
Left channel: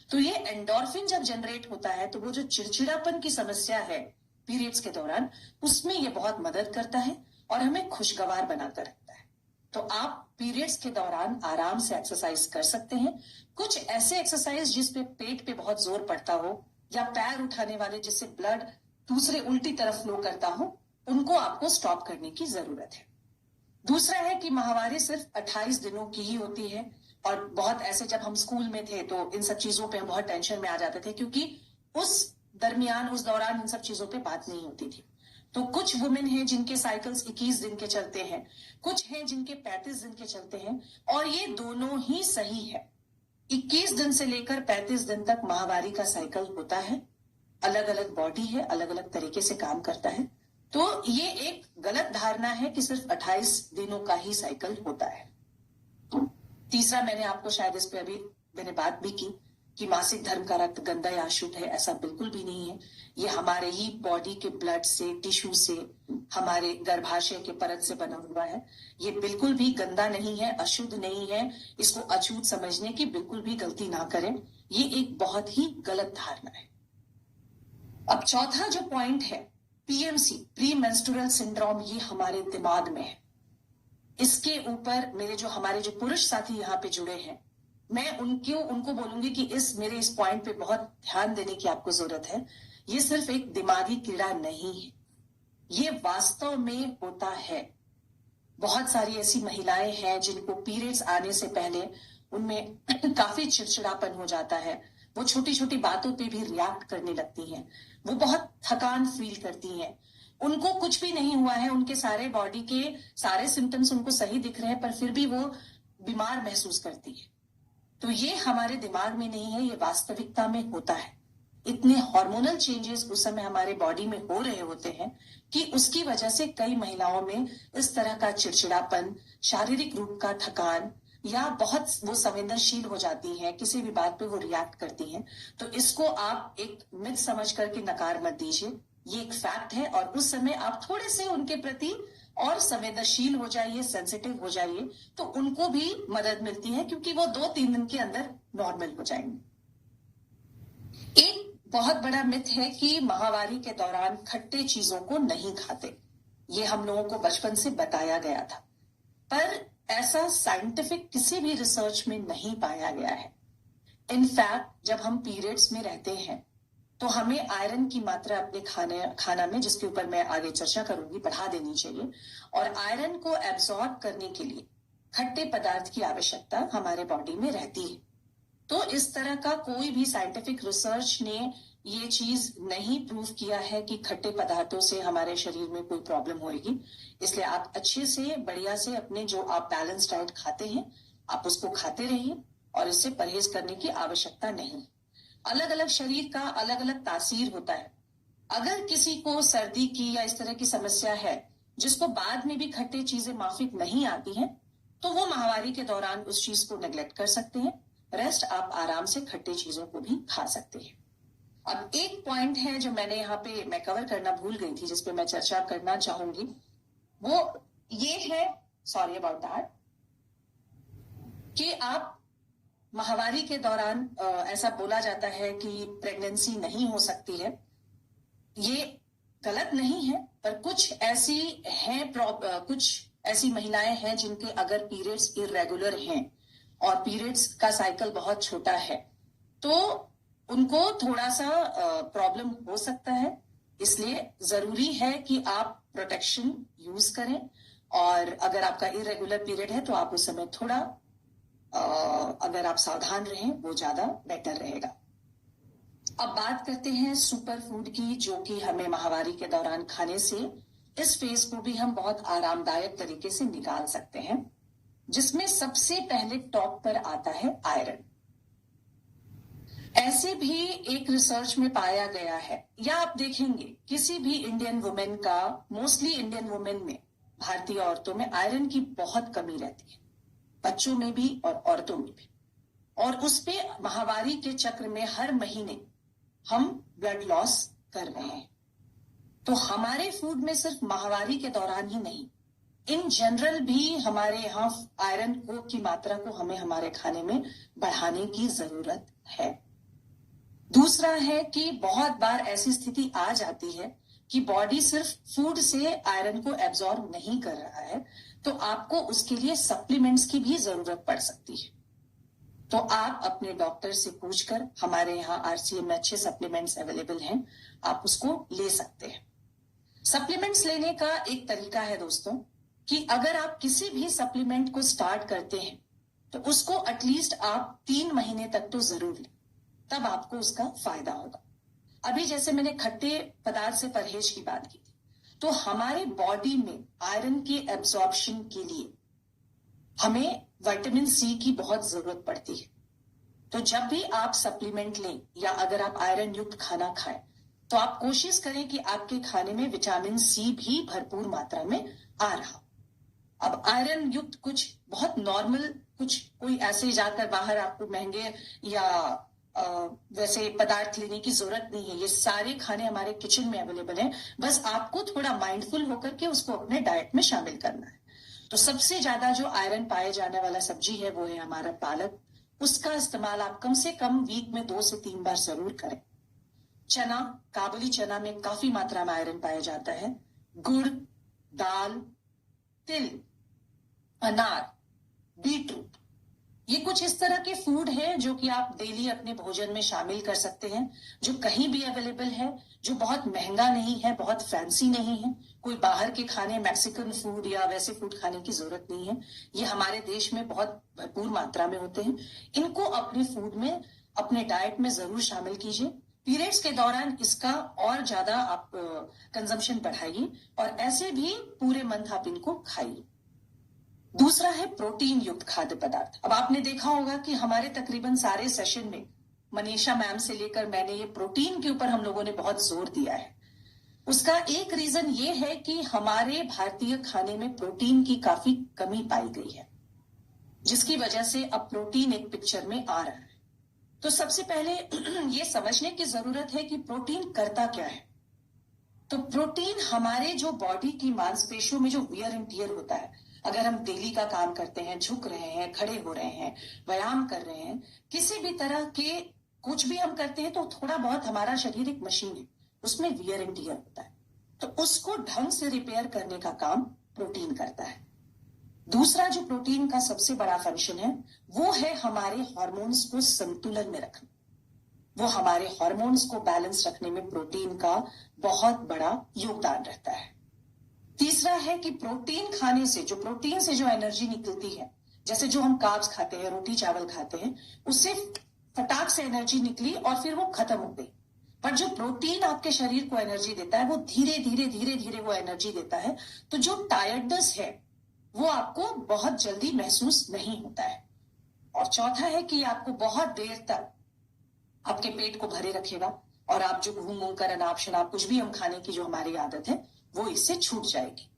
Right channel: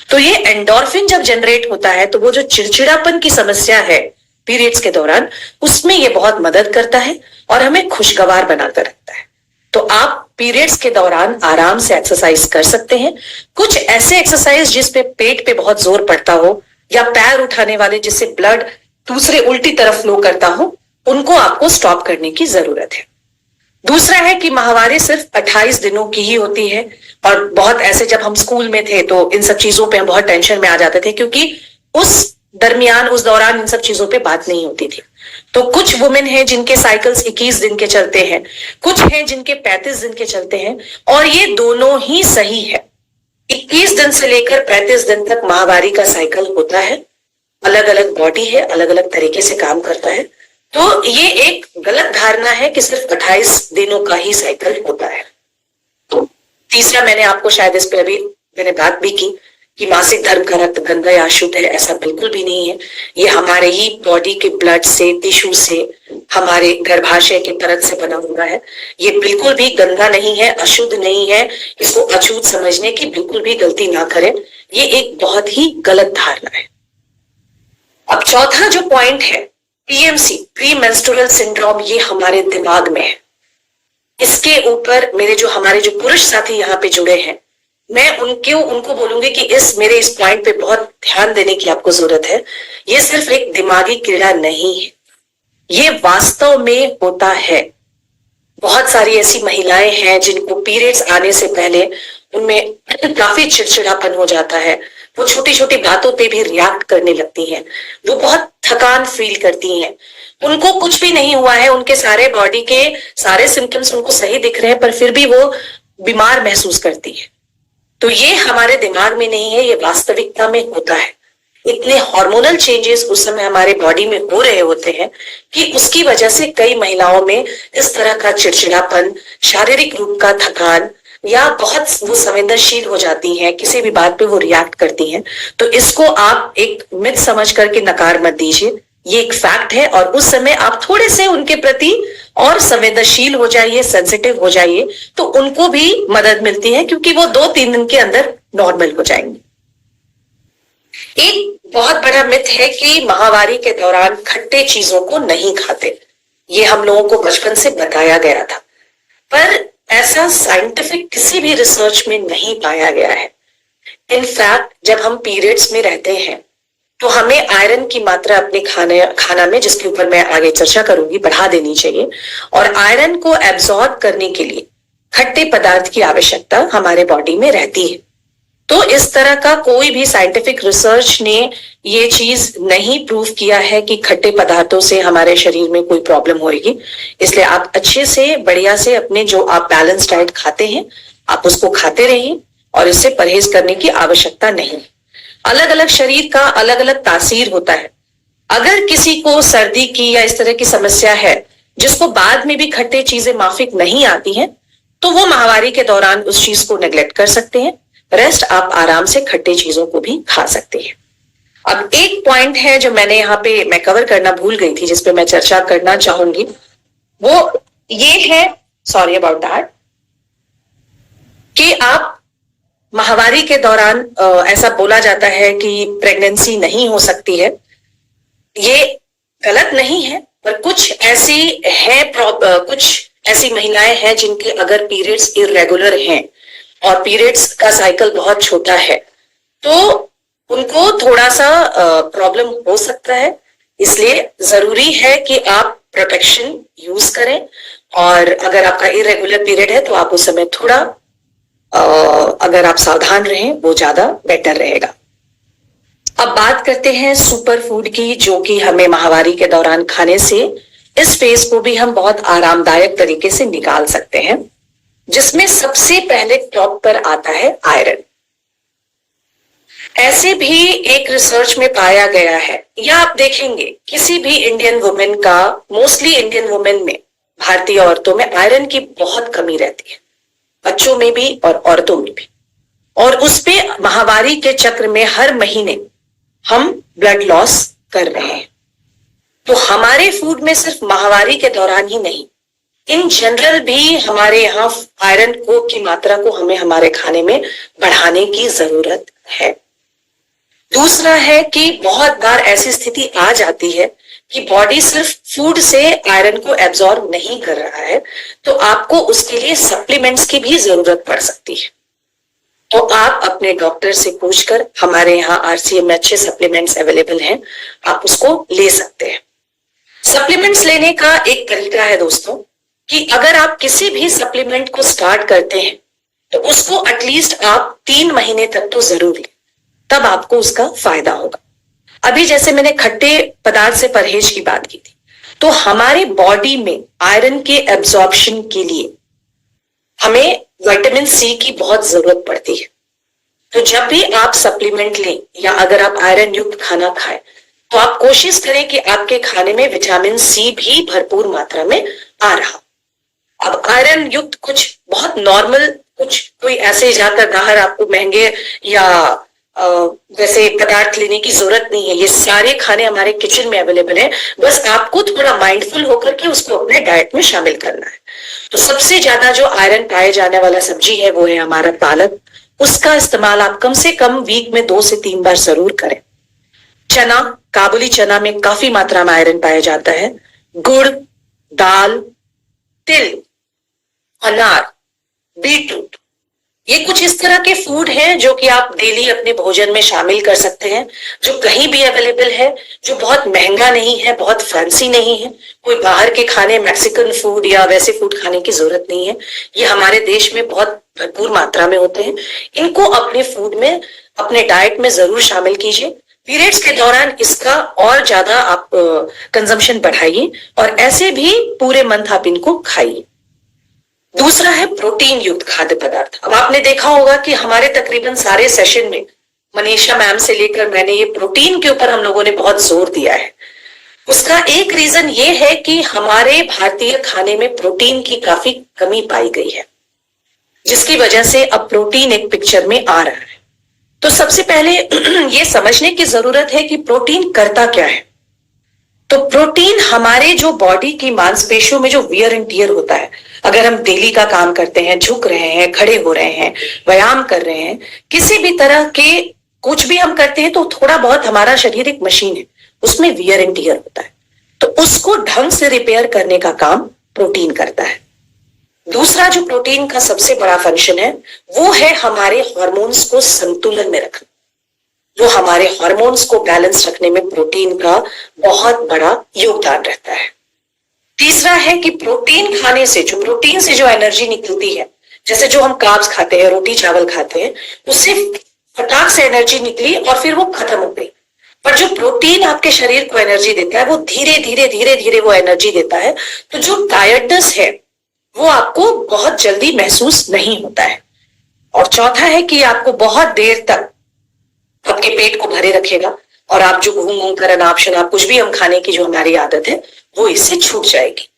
तो ये एंडोर्फिन जब जनरेट होता है, तो वो जो चिड़चिड़ापन की समस्या है पीरियड्स के दौरान, उसमें ये बहुत मदद करता है और हमें खुशगवार बनाकर रखता है। तो आप पीरियड्स के दौरान आराम से एक्सरसाइज कर सकते हैं। कुछ ऐसे एक्सरसाइज जिसपे पेट पे बहुत जोर पड़ता हो, या पैर उठाने वाले जिससे ब्लड दूसरे उल्टी तरफ फ्लो करता हो, उनको आपको स्टॉप करने की जरूरत है। दूसरा है कि माहवारी सिर्फ 28 दिनों की ही होती है, और बहुत ऐसे जब हम स्कूल में थे तो इन सब चीजों पे हम बहुत टेंशन में आ जाते थे, क्योंकि उस दरमियान, उस दौरान इन सब चीजों पे बात नहीं होती थी। तो कुछ वुमेन हैं जिनके साइकिल्स 21 दिन के चलते हैं, कुछ हैं जिनके 35 दिन के चलते हैं, और ये दोनों ही सही है। 21 दिन से लेकर 35 दिन तक माहवारी का साइकिल होता है। अलग अलग बॉडी है, अलग अलग तरीके से काम करता है। तो ये एक गलत धारणा है कि सिर्फ 28 दिनों का ही साइकिल होता है। तो तीसरा, मैंने आपको शायद इस पे अभी मैंने बात भी की कि मासिक धर्म का रक्त गंदा या अशुद्ध है, ऐसा बिल्कुल भी नहीं है। ये हमारे ही बॉडी के ब्लड से, टिश्यू से, हमारे गर्भाशय के परत से बना हुआ है। ये बिल्कुल भी गंदा नहीं है, अशुद्ध नहीं है। इसको अछूत समझने की बिल्कुल भी गलती ना करें, ये एक बहुत ही गलत धारणा है। अब चौथा जो पॉइंट है, पीएमसी, प्री मेंस्ट्रुअल सिंड्रोम, ये हमारे दिमाग में है। इसके ऊपर हमारे जो पुरुष साथी यहाँ पे जुड़े हैं, मैं उनको बोलूंगी कि इस पॉइंट पे बहुत ध्यान देने की आपको जरूरत है। ये सिर्फ एक दिमागी कीड़ा नहीं है, ये वास्तव में होता है। बहुत सारी ऐसी महिलाएं हैं जिनको पीरियड्स आने से पहले उनमें काफी चिड़चिड़ापन हो जाता है, वो छोटी छोटी बातों पे भी रिएक्ट करने लगती हैं, वो बहुत थकान फील करती हैं, उनको कुछ भी नहीं हुआ है, उनके सारे बॉडी के सारे सिम्टम्स उनको सही दिख रहे हैं, पर फिर भी वो बीमार महसूस करती है। तो ये हमारे दिमाग में नहीं है, ये वास्तविकता में होता है। इतने हार्मोनल चेंजेस उस समय हमारे बॉडी में हो रहे होते हैं कि उसकी वजह से कई महिलाओं में इस तरह का चिड़चिड़ापन, शारीरिक रूप का थकान, या बहुत वो संवेदनशील हो जाती हैं, किसी भी बात पे वो रिएक्ट करती हैं। तो इसको आप एक मिथ समझ करके नकार मत दीजिए, ये एक फैक्ट है। और उस समय आप थोड़े से उनके प्रति और संवेदनशील हो जाइए, सेंसिटिव हो जाइए, तो उनको भी मदद मिलती है, क्योंकि वो 2-3 दिन के अंदर नॉर्मल हो जाएंगे। एक बहुत बड़ा मिथ है कि माहवारी के दौरान खट्टे चीजों को नहीं खाते। ये हम लोगों को बचपन से बताया गया था, पर ऐसा साइंटिफिक किसी भी रिसर्च में नहीं पाया गया है। इनफैक्ट जब हम पीरियड्स में रहते हैं तो हमें आयरन की मात्रा अपने खाना में, जिसके ऊपर मैं आगे चर्चा करूंगी, बढ़ा देनी चाहिए। और आयरन को एब्जॉर्ब करने के लिए खट्टे पदार्थ की आवश्यकता हमारे बॉडी में रहती है। तो इस तरह का कोई भी साइंटिफिक रिसर्च ने ये चीज नहीं प्रूव किया है कि खट्टे पदार्थों से हमारे शरीर में कोई प्रॉब्लम होगी। इसलिए आप अच्छे से, बढ़िया से अपने जो आप बैलेंस डाइट खाते हैं, आप उसको खाते रहिए, और इससे परहेज करने की आवश्यकता नहीं। अलग अलग शरीर का अलग अलग तासीर होता है। अगर किसी को सर्दी की या इस तरह की समस्या है, जिसको बाद में भी खट्टे चीजें माफिक नहीं आती हैं, तो वो माहवारी के दौरान उस चीज को नेग्लेक्ट कर सकते हैं। रेस्ट आप आराम से खट्टे चीजों को भी खा सकते हैं। अब एक पॉइंट है जो मैं कवर करना भूल गई थी, जिसपे मैं चर्चा करना चाहूंगी, वो ये है, सॉरी अबाउट दैट, कि आप माहवारी के दौरान ऐसा बोला जाता है कि प्रेगनेंसी नहीं हो सकती है। ये गलत नहीं है, पर कुछ ऐसी महिलाएं हैं जिनके अगर पीरियड्स इरेगुलर हैं और पीरियड्स का साइकिल बहुत छोटा है तो उनको थोड़ा सा प्रॉब्लम हो सकता है। इसलिए जरूरी है कि आप प्रोटेक्शन यूज करें, और अगर आपका इरेगुलर पीरियड है तो आप उस समय थोड़ा अगर आप सावधान रहें वो ज्यादा बेटर रहेगा। अब बात करते हैं सुपर फूड की, जो कि हमें माहवारी के दौरान खाने से इस फेज को भी हम बहुत आरामदायक तरीके से निकाल सकते हैं, जिसमें सबसे पहले टॉप पर आता है आयरन। ऐसे भी एक रिसर्च में पाया गया है, या आप देखेंगे किसी भी इंडियन वुमेन का, मोस्टली इंडियन वुमेन में, भारतीय औरतों में आयरन की बहुत कमी रहती है, बच्चों में भी और औरतों में भी। और उस पे माहवारी के चक्र में हर महीने हम ब्लड लॉस कर रहे हैं। तो हमारे फूड में सिर्फ माहवारी के दौरान ही नहीं, इन जनरल भी हमारे यहाँ आयरन को की मात्रा को हमें हमारे खाने में बढ़ाने की जरूरत है। दूसरा है कि बहुत बार ऐसी स्थिति आ जाती है कि बॉडी सिर्फ फूड से आयरन को एब्जॉर्ब नहीं कर रहा है, तो आपको उसके लिए सप्लीमेंट्स की भी जरूरत पड़ सकती है। तो आप अपने डॉक्टर से पूछकर, हमारे यहाँ RCM में अच्छे सप्लीमेंट्स अवेलेबल हैं, आप उसको ले सकते हैं। सप्लीमेंट्स लेने का एक तरीका है दोस्तों कि अगर आप किसी भी सप्लीमेंट को स्टार्ट करते हैं तो उसको एटलीस्ट आप 3 महीने तक तो जरूर लें, तब आपको उसका फायदा होगा। अभी जैसे मैंने खट्टे पदार्थ से परहेज की बात की थी, तो हमारे बॉडी में आयरन के एब्जॉर्प्शन के लिए हमें विटामिन सी की बहुत जरूरत पड़ती है। तो जब भी आप सप्लीमेंट लें या अगर आप आयरन युक्त खाना खाएं तो आप कोशिश करें कि आपके खाने में विटामिन सी भी भरपूर मात्रा में आ रहा। अब आयरन युक्त कुछ बहुत नॉर्मल, कुछ कोई ऐसे जाकर बाहर आपको महंगे या वैसे पदार्थ लेने की जरूरत नहीं है। ये सारे खाने हमारे किचन में अवेलेबल हैं, बस आपको थोड़ा माइंडफुल होकर के उसको अपने डाइट में शामिल करना है। तो सबसे ज्यादा जो आयरन पाए जाने वाला सब्जी है वो है हमारा पालक। उसका इस्तेमाल आप कम से कम वीक में 2 से 3 बार जरूर करें। चना, काबुली चना में काफी मात्रा में आयरन पाया जाता है। गुड़, दाल, तिल, अनार, बीटरूट, ये कुछ इस तरह के फूड हैं जो कि आप डेली अपने भोजन में शामिल कर सकते हैं, जो कहीं भी अवेलेबल है, जो बहुत महंगा नहीं है, बहुत फैंसी नहीं है। कोई बाहर के खाने, मैक्सिकन फूड या वैसे फूड खाने की जरूरत नहीं है। ये हमारे देश में बहुत भरपूर मात्रा में होते हैं। इनको अपने फूड में, अपने डाइट में जरूर शामिल कीजिए। पीरियड्स के दौरान इसका और ज्यादा आप कंजम्पशन बढ़ाइए, और ऐसे भी पूरे मंथ आप इनको खाइए। दूसरा है प्रोटीन युक्त खाद्य पदार्थ। अब आपने देखा होगा कि हमारे तकरीबन सारे सेशन में, मनीषा मैम से लेकर मैंने, ये प्रोटीन के ऊपर हम लोगों ने बहुत जोर दिया है। उसका एक रीजन ये है कि हमारे भारतीय खाने में प्रोटीन की काफी कमी पाई गई है, जिसकी वजह से अब प्रोटीन एक पिक्चर में आ रहा है। तो सबसे पहले ये समझने की जरूरत है कि प्रोटीन करता क्या है। तो प्रोटीन हमारे जो बॉडी की मांसपेशियों में जो वियर एंड टियर होता है, अगर हम डेली का काम करते हैं, झुक रहे हैं, खड़े हो रहे हैं, व्यायाम कर रहे हैं, किसी भी तरह के कुछ भी हम करते हैं, तो थोड़ा बहुत हमारा शरीर एक मशीन है, उसमें वियर एंड टियर होता है। तो उसको ढंग से रिपेयर करने का काम प्रोटीन करता है। दूसरा जो प्रोटीन का सबसे बड़ा फंक्शन है वो है हमारे हार्मोन्स को संतुलन में रखना। वो हमारे हार्मोन्स को बैलेंस रखने में प्रोटीन का बहुत बड़ा योगदान रहता है। तीसरा है कि प्रोटीन खाने से, जो प्रोटीन से जो एनर्जी निकलती है, जैसे जो हम कार्ब्स खाते हैं, रोटी चावल खाते हैं, उससे फटाक से एनर्जी निकली और फिर वो खत्म हो गई। पर जो प्रोटीन आपके शरीर को एनर्जी देता है वो धीरे धीरे धीरे धीरे वो एनर्जी देता है। तो जो टायर्डनेस है वो आपको बहुत जल्दी महसूस नहीं होता है। और चौथा है कि आपको बहुत देर तक आपके पेट को भरे रखेगा, और आप जो घूम घूम कर अनाप शनाप कुछ भी हम खाने की जो हमारी आदत है वो इससे छूट जाएगी।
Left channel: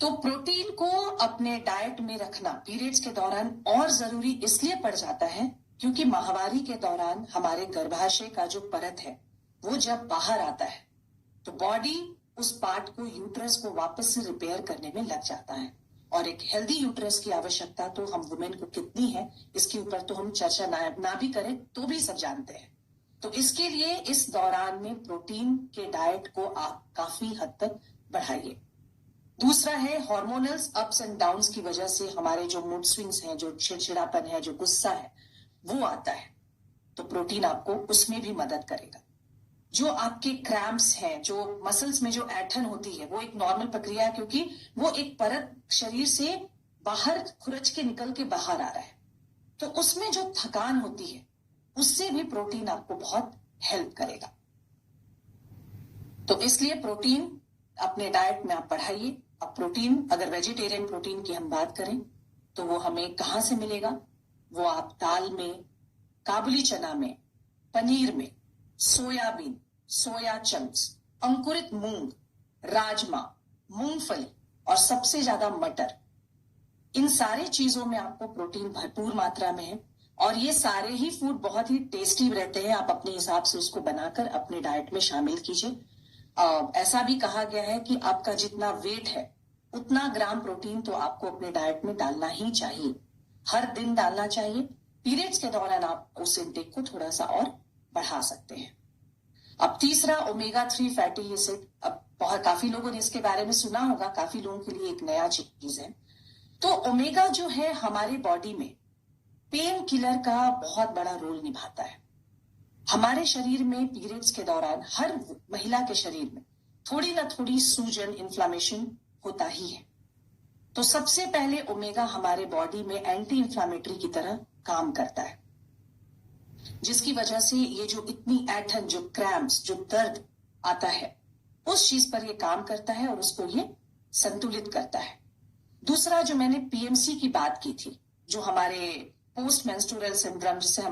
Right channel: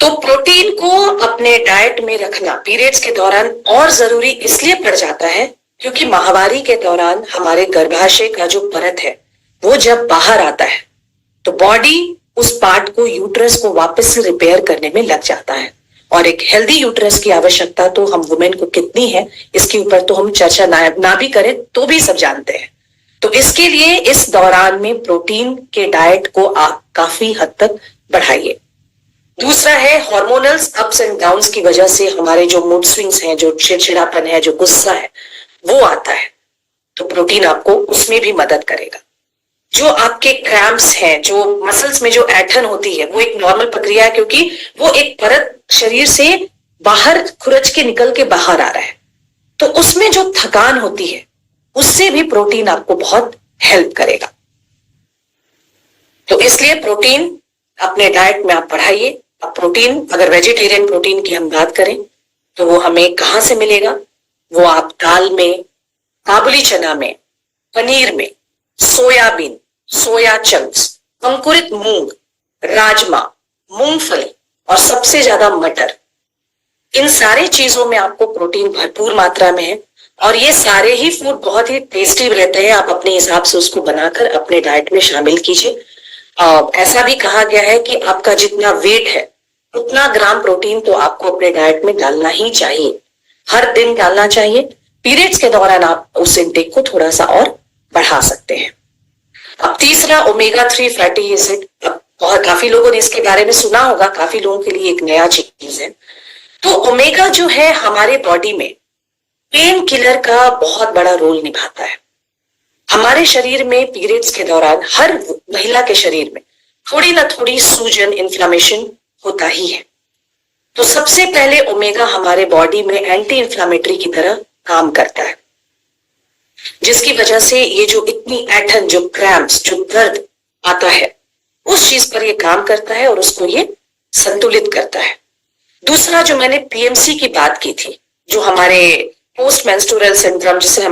तो प्रोटीन को अपने डाइट में रखना पीरियड्स के दौरान और जरूरी इसलिए पड़ जाता है क्योंकि माहवारी के दौरान हमारे गर्भाशय का जो परत है वो जब बाहर आता है तो बॉडी उस पार्ट को, यूट्रस को वापस से रिपेयर करने में लग जाता है, और एक हेल्दी यूट्रस की आवश्यकता तो हम वुमेन को कितनी है, इसके ऊपर तो हम चर्चा ना भी करें तो भी सब जानते हैं। तो इसके लिए इस दौरान में प्रोटीन के डाइट को आप काफी हद तक बढ़ाइए। दूसरा है हार्मोनल्स अप्स एंड डाउन्स की वजह से हमारे जो मूड स्विंग्स हैं, जो चिड़चिड़ापन है, जो गुस्सा है, वो आता है, तो प्रोटीन आपको उसमें भी मदद करेगा। जो आपके क्रैम्प्स हैं, जो मसल्स में जो ऐंठन होती है, वो एक नॉर्मल प्रक्रिया है, क्योंकि वो एक परत शरीर से बाहर खुरच के निकल के बाहर आ रहा है, तो उसमें जो थकान होती है उससे भी प्रोटीन आपको बहुत हेल्प करेगा। तो इसलिए प्रोटीन अपने डाइट में आप बढ़ाइए। अब प्रोटीन, अगर वेजिटेरियन प्रोटीन की हम बात करें तो वो हमें कहां से मिलेगा? वो आप दाल में, काबुली चना में, पनीर में, सोयाबीन, सोया चंक्स, अंकुरित मूंग, राजमा, मूंगफली और सबसे ज्यादा मटर, इन सारे चीजों में आपको प्रोटीन भरपूर मात्रा में है। और ये सारे ही फूड बहुत ही टेस्टी रहते हैं। आप अपने हिसाब से उसको बनाकर अपने डाइट में शामिल कीजिए। ऐसा भी कहा गया है कि आपका जितना वेट है उतना ग्राम प्रोटीन तो आपको अपने डाइट में डालना ही चाहिए, हर दिन डालना चाहिए। पीरियड्स के दौरान आप उस इंटेक को थोड़ा सा और बढ़ा सकते हैं। अब तीसरा, ओमेगा 3 फैटी एसिड। अब बहुत काफी लोगों ने इसके बारे में सुना होगा, काफी लोगों के लिए एक नया चीज है। तो ओमेगा जो है हमारे बॉडी में पेन किलर का बहुत बड़ा रोल निभाता है। हमारे शरीर में पीरियड्स के दौरान हर महिला के शरीर में थोड़ी ना थोड़ी सूजन, इन्फ्लामेशन होता ही है। तो सबसे पहले ओमेगा हमारे बॉडी में एंटी इन्फ्लामेटरी की तरह काम करता है, जिसकी वजह से ये जो इतनी ऐंठन, जो क्रैम्प्स, जो दर्द आता है, उस चीज पर ये काम करता है और उसको ये संतुलित करता है। दूसरा, जो मैंने पीएमसी की बात की थी, जो हमारे पोस्ट मेंस्ट्रुअल सिंड्रोम, जिससे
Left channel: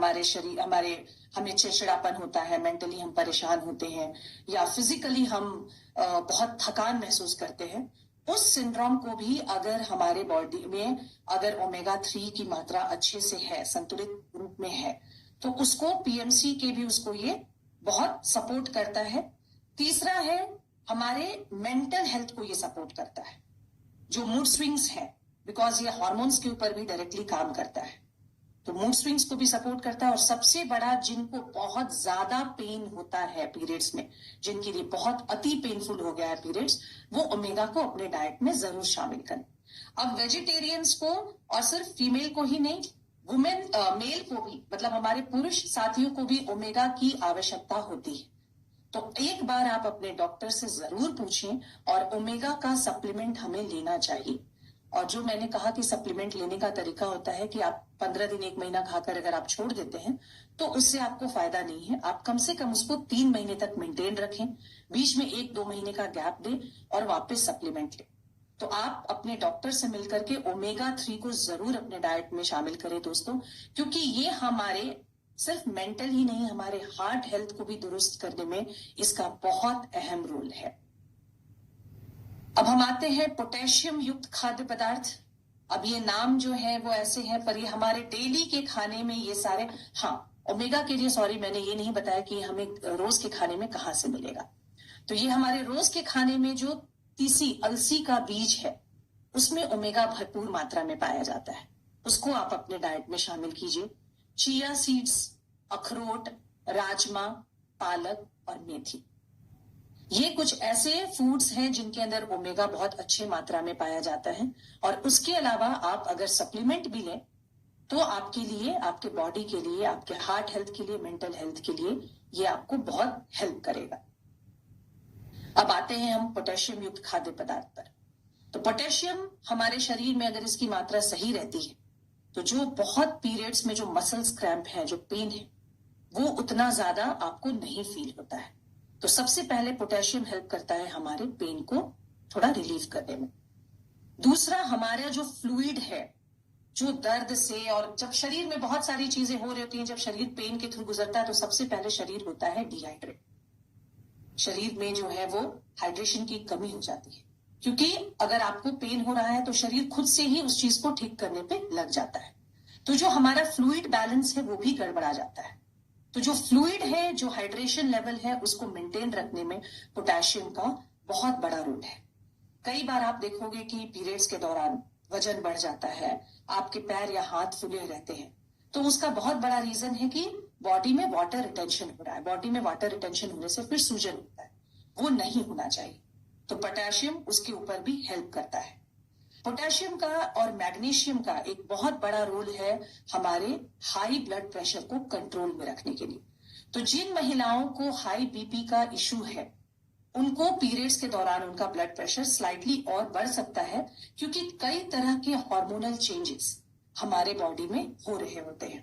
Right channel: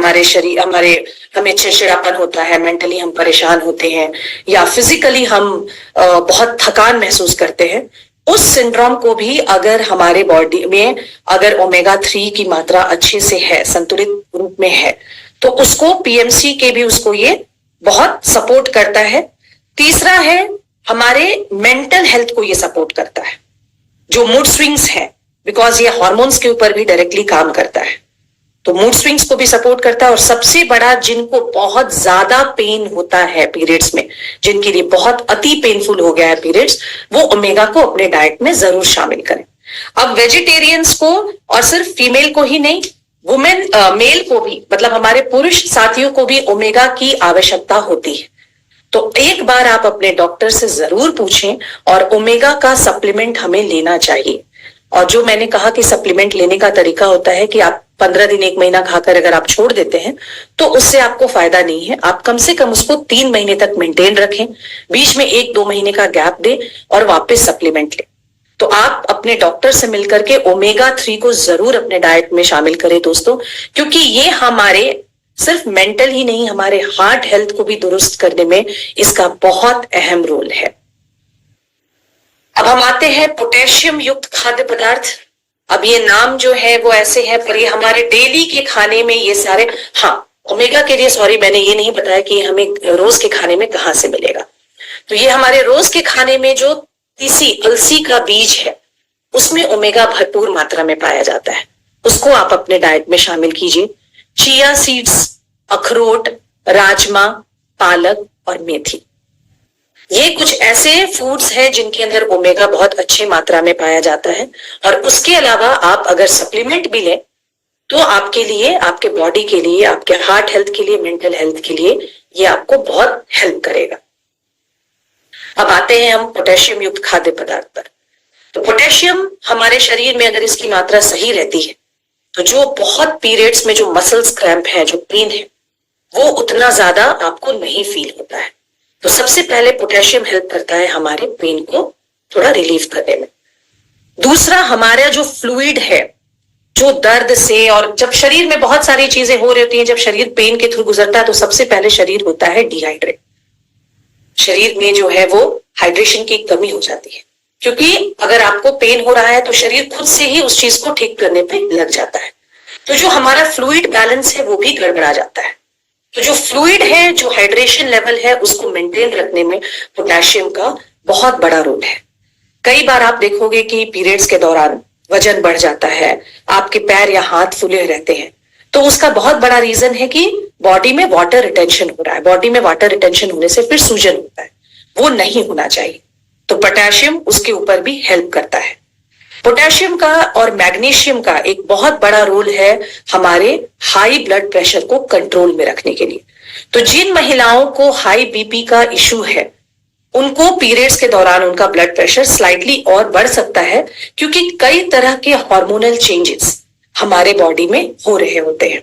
हमें चिड़चिड़ापन होता है, मेंटली हम परेशान होते हैं या फिजिकली हम बहुत थकान महसूस करते हैं, उस सिंड्रोम को भी अगर हमारे बॉडी में अगर ओमेगा 3 की मात्रा अच्छे से है, संतुलित रूप में है, तो उसको पीएमसी के भी उसको ये बहुत सपोर्ट करता है। तीसरा है, हमारे मेंटल हेल्थ को ये सपोर्ट करता है, जो मूड स्विंग्स है, बिकॉज ये हार्मोन्स के ऊपर भी डायरेक्टली काम करता है, तो मूड स्विंग्स को भी सपोर्ट करता है। और सबसे बड़ा, जिनको बहुत ज्यादा पेन होता है पीरियड्स में, जिनके लिए बहुत अति पेनफुल हो गया है पीरियड्स, वो ओमेगा को अपने डाइट में जरूर शामिल करें। अब वेजिटेरियंस को, और सिर्फ फीमेल को ही नहीं, मेल को भी, मतलब हमारे पुरुष साथियों को भी ओमेगा की आवश्यकता होती है। तो एक बार आप अपने डॉक्टर से जरूर पूछें, और ओमेगा का सप्लीमेंट हमें लेना चाहिए। और जो मैंने कहा कि सप्लीमेंट लेने का तरीका होता है कि आप 15 दिन, 1 महीना खाकर अगर आप छोड़ देते हैं तो उससे आपको फायदा नहीं है। आप कम से कम उसको 3 महीने तक मेंटेन रखें, बीच में 1-2 महीने का गैप दें और वापस सप्लीमेंट लें। तो आप अपने डॉक्टर से मिलकर के ओमेगा 3 को जरूर अपने डाइट में शामिल करें दोस्तों, क्योंकि ये हमारे सिर्फ मेंटल ही नहीं, हमारे हार्ट हेल्थ को भी दुरुस्त करने में इसका बहुत अहम रोल है। अब हम आते हैं पोटेशियम युक्त खाद्य पदार्थ। अब ये नाम जो है वो ऐसे है, पर ये हमारे डेली के खाने में ये सारे, हाँ, ओमेगा के लिए सॉरी, मैंने ये नहीं बताया कि हमें रोज के खाने में कहां से मिलेगा। तो ये हमारे रोज के खाने में जो तीसी, अलसी का बीज है, उसमें ओमेगा भरपूर मात्रा में पाया जाता है, उसको आप अपने डाइट में शामिल कीजिए। चिया सीड्स, अखरोट, राजमा, पालक और मेथी, ये कुछ ऐसे फूड्स हैं जिनके अंदर ओमेगा बहुत अच्छी मात्रा में पाया जाता है। और उसके अलावा आप अगर सप्लीमेंट भी लें तो आपके लिए, आपके बॉडी के लिए, आपके हार्ट हेल्थ के लिए, मेंटल हेल्थ के लिए ये आपको बहुत हेल्प करेगा। अब आते हैं हम पोटेशियम युक्त खाद्य पदार्थ पर। तो पोटेशियम हमारे शरीर में अगर इसकी मात्रा सही रहती है तो जो बहुत पीरियड्स में जो मसल्स क्रैम्प है, जो पेन है, वो उतना ज्यादा आपको नहीं फील होता है। तो सबसे पहले पोटेशियम हेल्प करता है हमारे पेन को थोड़ा रिलीफ करने में। दूसरा, हमारा जो फ्लूइड है, जो दर्द से, और जब शरीर में बहुत सारी चीजें हो रही होती हैं, जब शरीर पेन के थ्रू गुजरता है तो सबसे पहले शरीर होता है डिहाइड्रेट। शरीर में जो है वो हाइड्रेशन की कमी हो जाती है, क्योंकि अगर आपको पेन हो रहा है तो शरीर खुद से ही उस चीज को ठीक करने पे लग जाता है। तो जो हमारा फ्लूइड बैलेंस है वो भी गड़बड़ा जाता है। तो जो फ्लूइड है, जो हाइड्रेशन लेवल है, उसको मेंटेन रखने में पोटेशियम का बहुत बड़ा रोल है। कई बार आप देखोगे कि पीरियड्स के दौरान वजन बढ़ जाता है, आपके पैर या हाथ फूले रहते हैं, तो उसका बहुत बड़ा रीजन है कि बॉडी में वाटर रिटेंशन हो रहा है। बॉडी में वाटर रिटेंशन होने से फिर सूजन होता है, वो नहीं होना चाहिए। तो पोटेशियम उसके ऊपर भी हेल्प करता है। पोटेशियम का और मैग्नीशियम का एक बहुत बड़ा रोल है हमारे हाई ब्लड प्रेशर को कंट्रोल में रखने के लिए। तो जिन महिलाओं को हाई बीपी का इशू है, उनको पीरियड्स के दौरान उनका ब्लड प्रेशर स्लाइटली और बढ़ सकता है, क्योंकि कई तरह के हार्मोनल चेंजेस हमारे बॉडी में हो रहे होते हैं।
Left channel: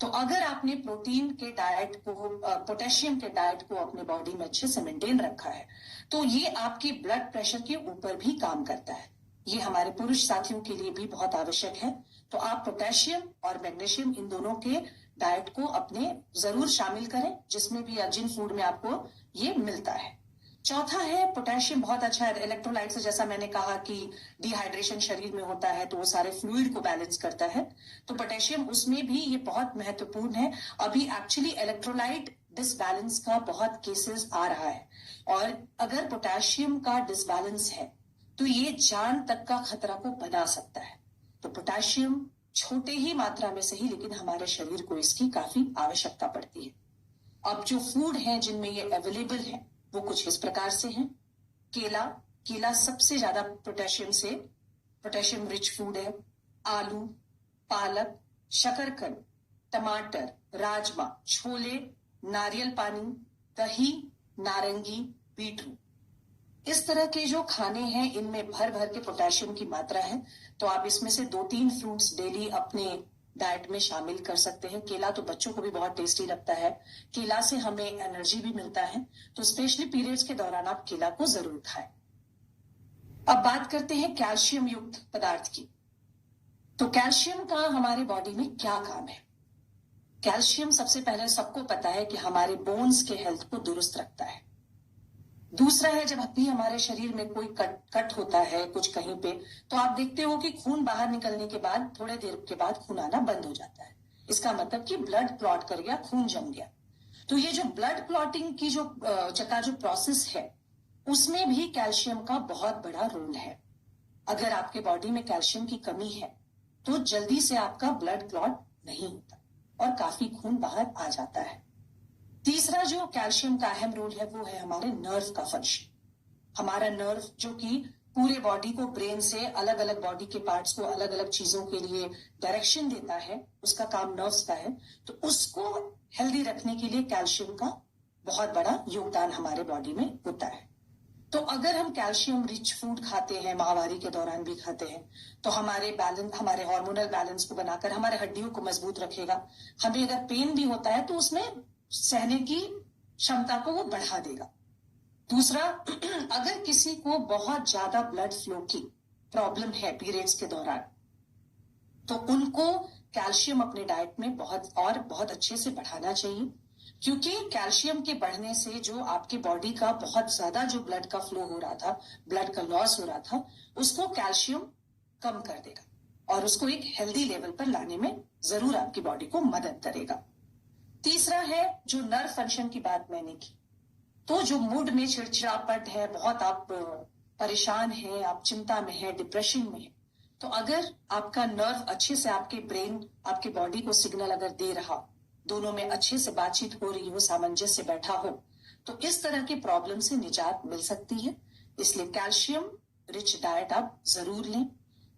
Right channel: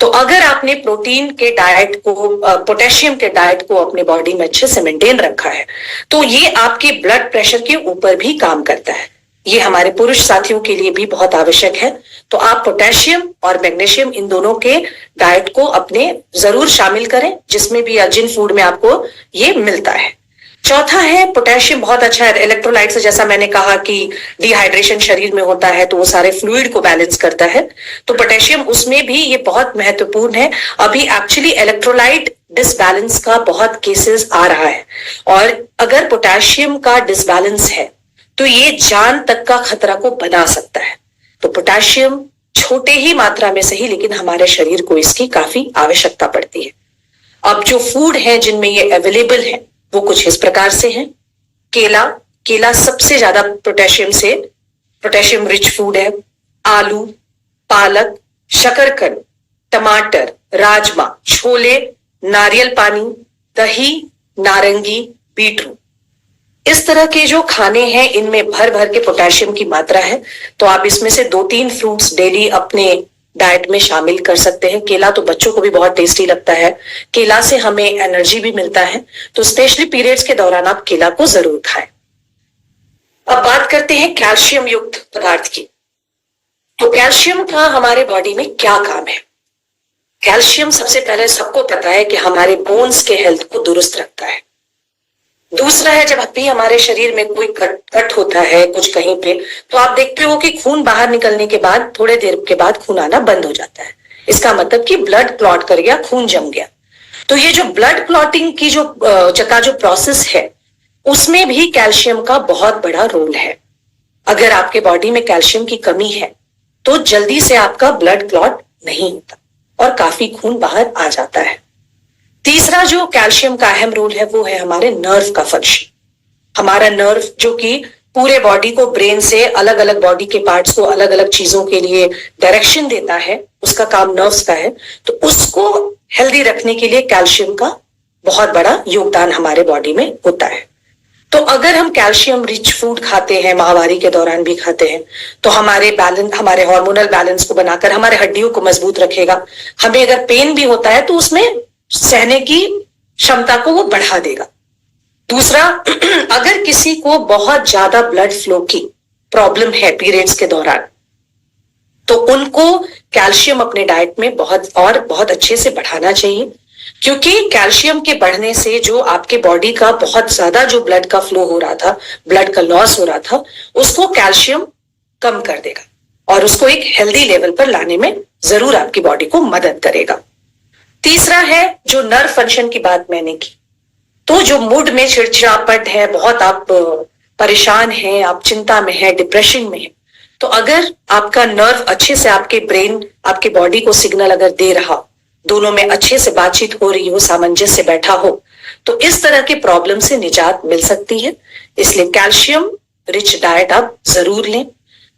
तो अगर आपने प्रोटीन के डाइट को, पोटेशियम के डाइट को अपने बॉडी में अच्छे से मेंटेन रखा है, तो ये आपके ब्लड प्रेशर के ऊपर भी काम करता है। ये हमारे पुरुष साथियों के लिए भी बहुत आवश्यक है। तो आप पोटेशियम और मैग्नीशियम इन दोनों के डाइट को अपने जरूर शामिल करें, जिसमें भी या जिन फूड में आपको ये मिलता है। चौथा है, पोटेशियम बहुत अच्छा है इलेक्ट्रोलाइट से। जैसा मैंने कहा कि डिहाइड्रेशन शरीर में होता है तो वो सारे फ्लूइड को बैलेंस करता है, तो पोटेशियम उसमें भी ये बहुत महत्वपूर्ण है। अभी एक्चुअली इलेक्ट्रोलाइट डिसबैलेंस का बहुत केसेस आ रहा है, और अगर पोटेशियम का डिसबैलेंस है तो ये जान तक का खतरा को बना सकता है। तो पोटेशियम छोटे ही मात्रा में सही, लेकिन हमारे शरीर को इसकी काफी आवश्यकता पड़ती है। अब जो फूड है जिनमें ये अवेलेबल है वो कुछ इस प्रकार से हैं। केला सबसे ज्यादा पोटेशियम रिच फूड है। आलू, पालक, शकरकंद, टमाटर, राजमा, छोले, नारियल पानी, दही, नारंगी, बीटरूट, इस तरह के जो खाने हैं इनमें भर भर के पोटेशियम की मात्रा है। तो आप इसमें से 2-3 फ्रूट्स डेली अपने डाइट में शामिल कर सकते हैं। केला तो बच्चों को भी बहुत टेस्टी लगता है, केला से हमें एनर्जी भी मिलता है, तो स्पेशली पीरियड्स के दौरान आप केला को जरूर खाएं। अब बात करते हैं कैल्शियम युक्त पदार्थ की। तो कैल्शियम का हमारे बॉडी में क्या काम है? कैल्शियम सबसे पहले सबको पता है कि हमारे बोन्स के हेल्थ को दुरुस्त रखता है। दूसरा है, जब भी हमारे शरीर में कोई कट होता है कुछ कहीं पे, तो आप देखते हो कि खून बाहर निकलने के बाद थोड़े देर के बाद खून आना बंद हो जाता है। इसका मतलब कि ब्लड क्लॉट कर गया, खून जम गया। तो ये जो ब्लड क्लॉटिंग की जो प्रोसेस है, उसमें भी कैल्शियम का बहुत बड़ा रोल है। अगर आपके बॉडी में कैल्शियम की कमी है तो जल्दी से आपका ब्लड क्लॉट नहीं होता और काफी खून बाहर आ जाता है। तीसरा जो कैल्शियम का अहम रोल है वो है हमारे नर्व का फंक्शन। हमारा नर्व जो कि पूरे बॉडी को, ब्रेन से अलग अलग बॉडी के पार्ट्स को अलग अलग चीजों के लिए डायरेक्शन देता है, उसका काम नर्व्स का है। तो उसको हेल्दी रखने के लिए कैल्शियम का बहुत बड़ा योगदान हमारे बॉडी में होता है। तो अगर हम कैल्शियम रिच फूड खाते हैं, माहवारी के दौरान भी खाते हैं, तो हमारे हार्मोनल बैलेंस को बनाकर हमारे हड्डियों को मजबूत रखेगा। हमें अगर पेन भी होता है तो उसमें सहने की क्षमता को वो बढ़ा देगा। दूसरा, अगर किसी को बहुत ज्यादा ब्लड फ्लो की प्रॉब्लम है पीरियड्स के दौरान, तो उनको कैल्शियम अपने डाइट में बहुत अच्छे से बढ़ाना चाहिए, क्योंकि कैल्शियम के बढ़ने से जो आपके बॉडी का बहुत ज्यादा जो ब्लड का फ्लो हो रहा था, ब्लड का लॉस हो रहा था, उसको कैल्शियम कम कर देगा और उसको एक हेल्दी लेवल पर लाने में जरूर आपकी बॉडी को मदद करेगा। तीसरा है, जो नर्व फंक्शन की बात मैंने की, तो जो मूड में चिड़चिड़ापन है, बहुत आप परेशान हैं, आप चिंता में हैं, डिप्रेशन में हैं, तो अगर आपका नर्व अच्छे से आपके ब्रेन, आपके बॉडी को सिग्नल अगर दे रहा, दोनों में अच्छे से बातचीत हो रही हो, सामंजस्य बैठा हो, तो इस तरह के प्रॉब्लम से निजात मिल सकती है। इसलिए कैल्शियम रिच डाइट आप जरूर लें।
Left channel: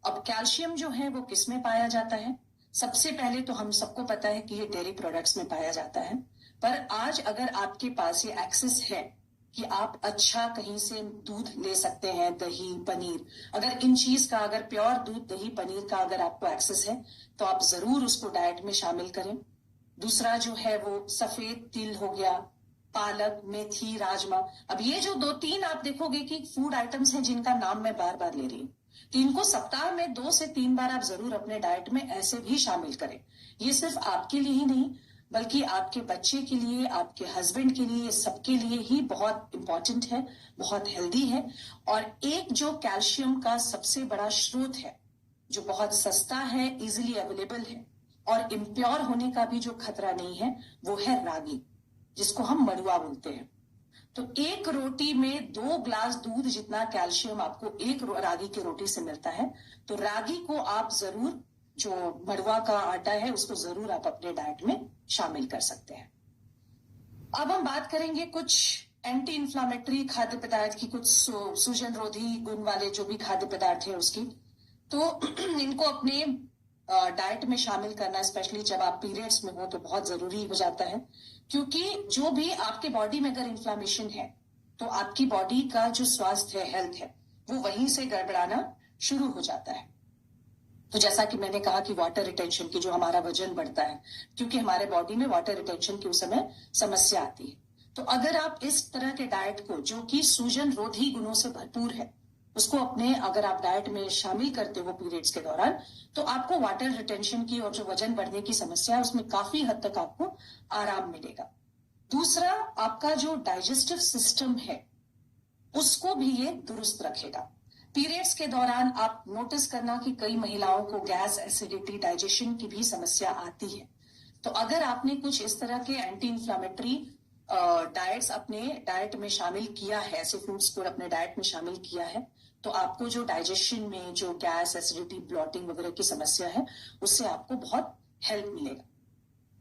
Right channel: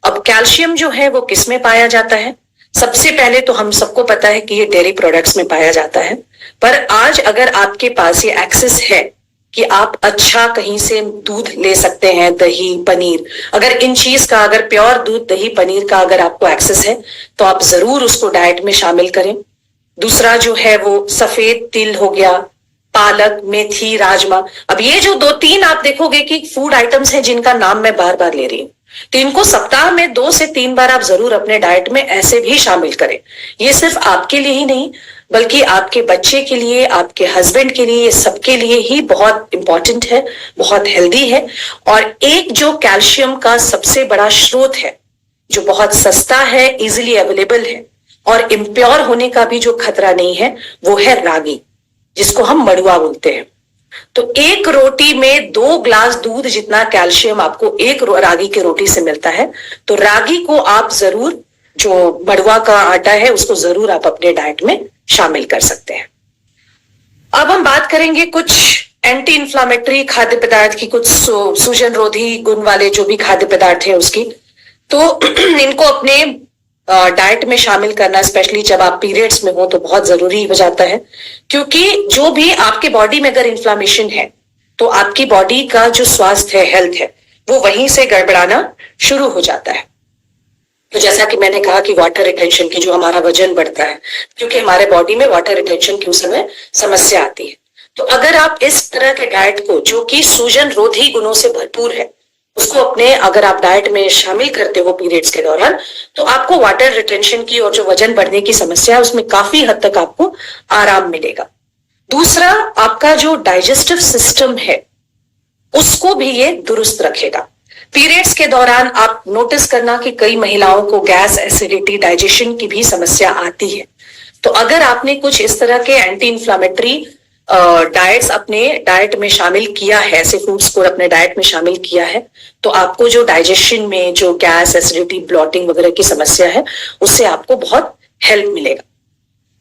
अब कैल्शियम जो है वो किस में पाया जाता है? सबसे पहले तो हम सबको पता है कि ये डेयरी प्रोडक्ट्स में पाया जाता है, पर आज अगर आपके पास ये एक्सेस है कि आप अच्छा कहीं से दूध ले सकते हैं, दही, पनीर, अगर इन चीज का, अगर प्योर दूध, दही, पनीर का अगर आपको एक्सेस है तो आप जरूर उसको डाइट में शामिल करें। दूसरा जो है वो सफेद तिल हो गया, पालक, मेथी, राजमा। अब ये जो 2-3 आप देखोगे कि फूड आइटम्स हैं जिनका नाम मैं बार बार ले रही हूँ, तो इनको सप्ताह में 2 से 3 बार आप जरूर अपने डाइट में ऐसे भी शामिल करें। ये सिर्फ आपके लिए ही नहीं, बल्कि आपके बच्चे के लिए, आपके हस्बैंड के लिए, सबके लिए ही बहुत इंपॉर्टेंट है, बहुत हेल्दी है। और एक जो कैल्शियम का सबसे बड़ा स्रोत है, जो बहुत सस्ता है, इजिली अवेलेबल है और इम्प्योर होने का भी जो खतरा नहीं है, वो है रागी, जिसको हम मड़ुआ बोलते हैं। तो एक रोटी में 2 ग्लास दूध जितना कैल्शियम आपको एक रागी की रोटी से मिलता है। तो रागी को आप जरूर, जो मड़वा का आटा है उसको जरूर आप अपने डाइट में शामिल कर सकते हैं। अब हम बात करेंगे कुछ एंटी इंफ्लामेटरी खाद्य पदार्थ की, कुछ सूजन रोधी गुण वाले जो भी खाद्य पदार्थ है उसकी। तो इनको अपने डाइट में शामिल करना, स्पेशली जब आप पीरियड्स में हो तो बहुत जरूरी हो जाता है, क्योंकि जो भी आपके बॉडी में अगर इन्फ्लामेशन है तो आपकी बॉडी का जो स्वास्थ्य है, हेल्थ है, वो वहीं से गड़बड़ाना शुरू हो जाता है। तो जैसा कि मैंने कहा कि वाटर रिटेंशन की, जो हमारा वजन बढ़ता है, क्योंकि हमारे बॉडी में वाटर रिटेंशन की उस समय समस्या आती है। तो अगर आप इस तरह के डाइट को, जो कि सूजन रोधी गुणों से भरपूर है, उसको अपने अगर आप डाइट में शामिल करते हो पीरियड्स के दौरान, तो आपको वाटर रिटेंशन की और जो वजन बढ़ने की समस्या है उसमें काफी हद तक आपको आराम मिलेगा। दूसरा, आपका जो डाइजेस्टिव सिस्टम है उसको भी ये दुरुस्त रखेगा। पीरियड्स के दौरान आप नोटिस करना कि कई महिलाओं को गैस, एसिडिटी, डाइजेशन की भी समस्या आती है। तो अगर आपने कुछ इस तरह के एंटी इंफ्लामेटरी डाइट्स अपने डाइट में शामिल किया है, ऐसे फूड्स को अपने डाइट में शामिल किया है, तो आपको जो डाइजेशन में जो गैस, एसिडिटी, ब्लॉटिंग वगैरह की समस्या है उससे आपको बहुत हेल्प मिलेगा।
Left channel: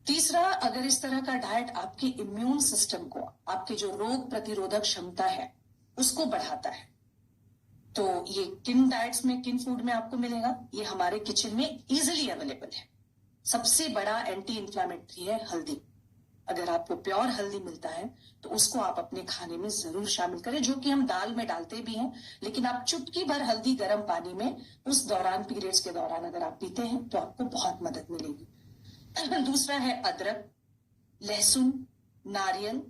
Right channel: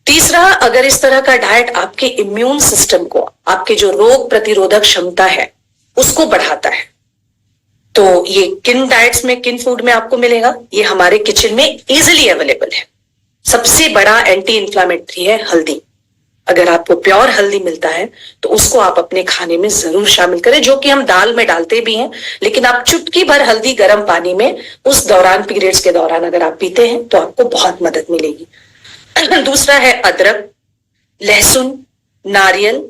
तीसरा, अगर इस तरह का डाइट आपके इम्यून सिस्टम को, आपके जो रोग प्रतिरोधक क्षमता है उसको बढ़ाता है, तो ये किन डाइट्स में, किन फूड में आपको मिलेगा, ये हमारे किचन में इजीली अवेलेबल है। सबसे बड़ा एंटी इंफ्लामेटरी है हल्दी। अगर आपको प्योर हल्दी मिलता है तो उसको आप अपने खाने में जरूर शामिल करें, जो कि हम दाल में डालते भी हैं, लेकिन आप चुटकी भर हल्दी गर्म पानी में उस दौरान, पीरियड्स के दौरान अगर आप पीते हैं तो आपको बहुत मदद मिलेगी। दूसरा है अदरक, लहसुन, नारियल,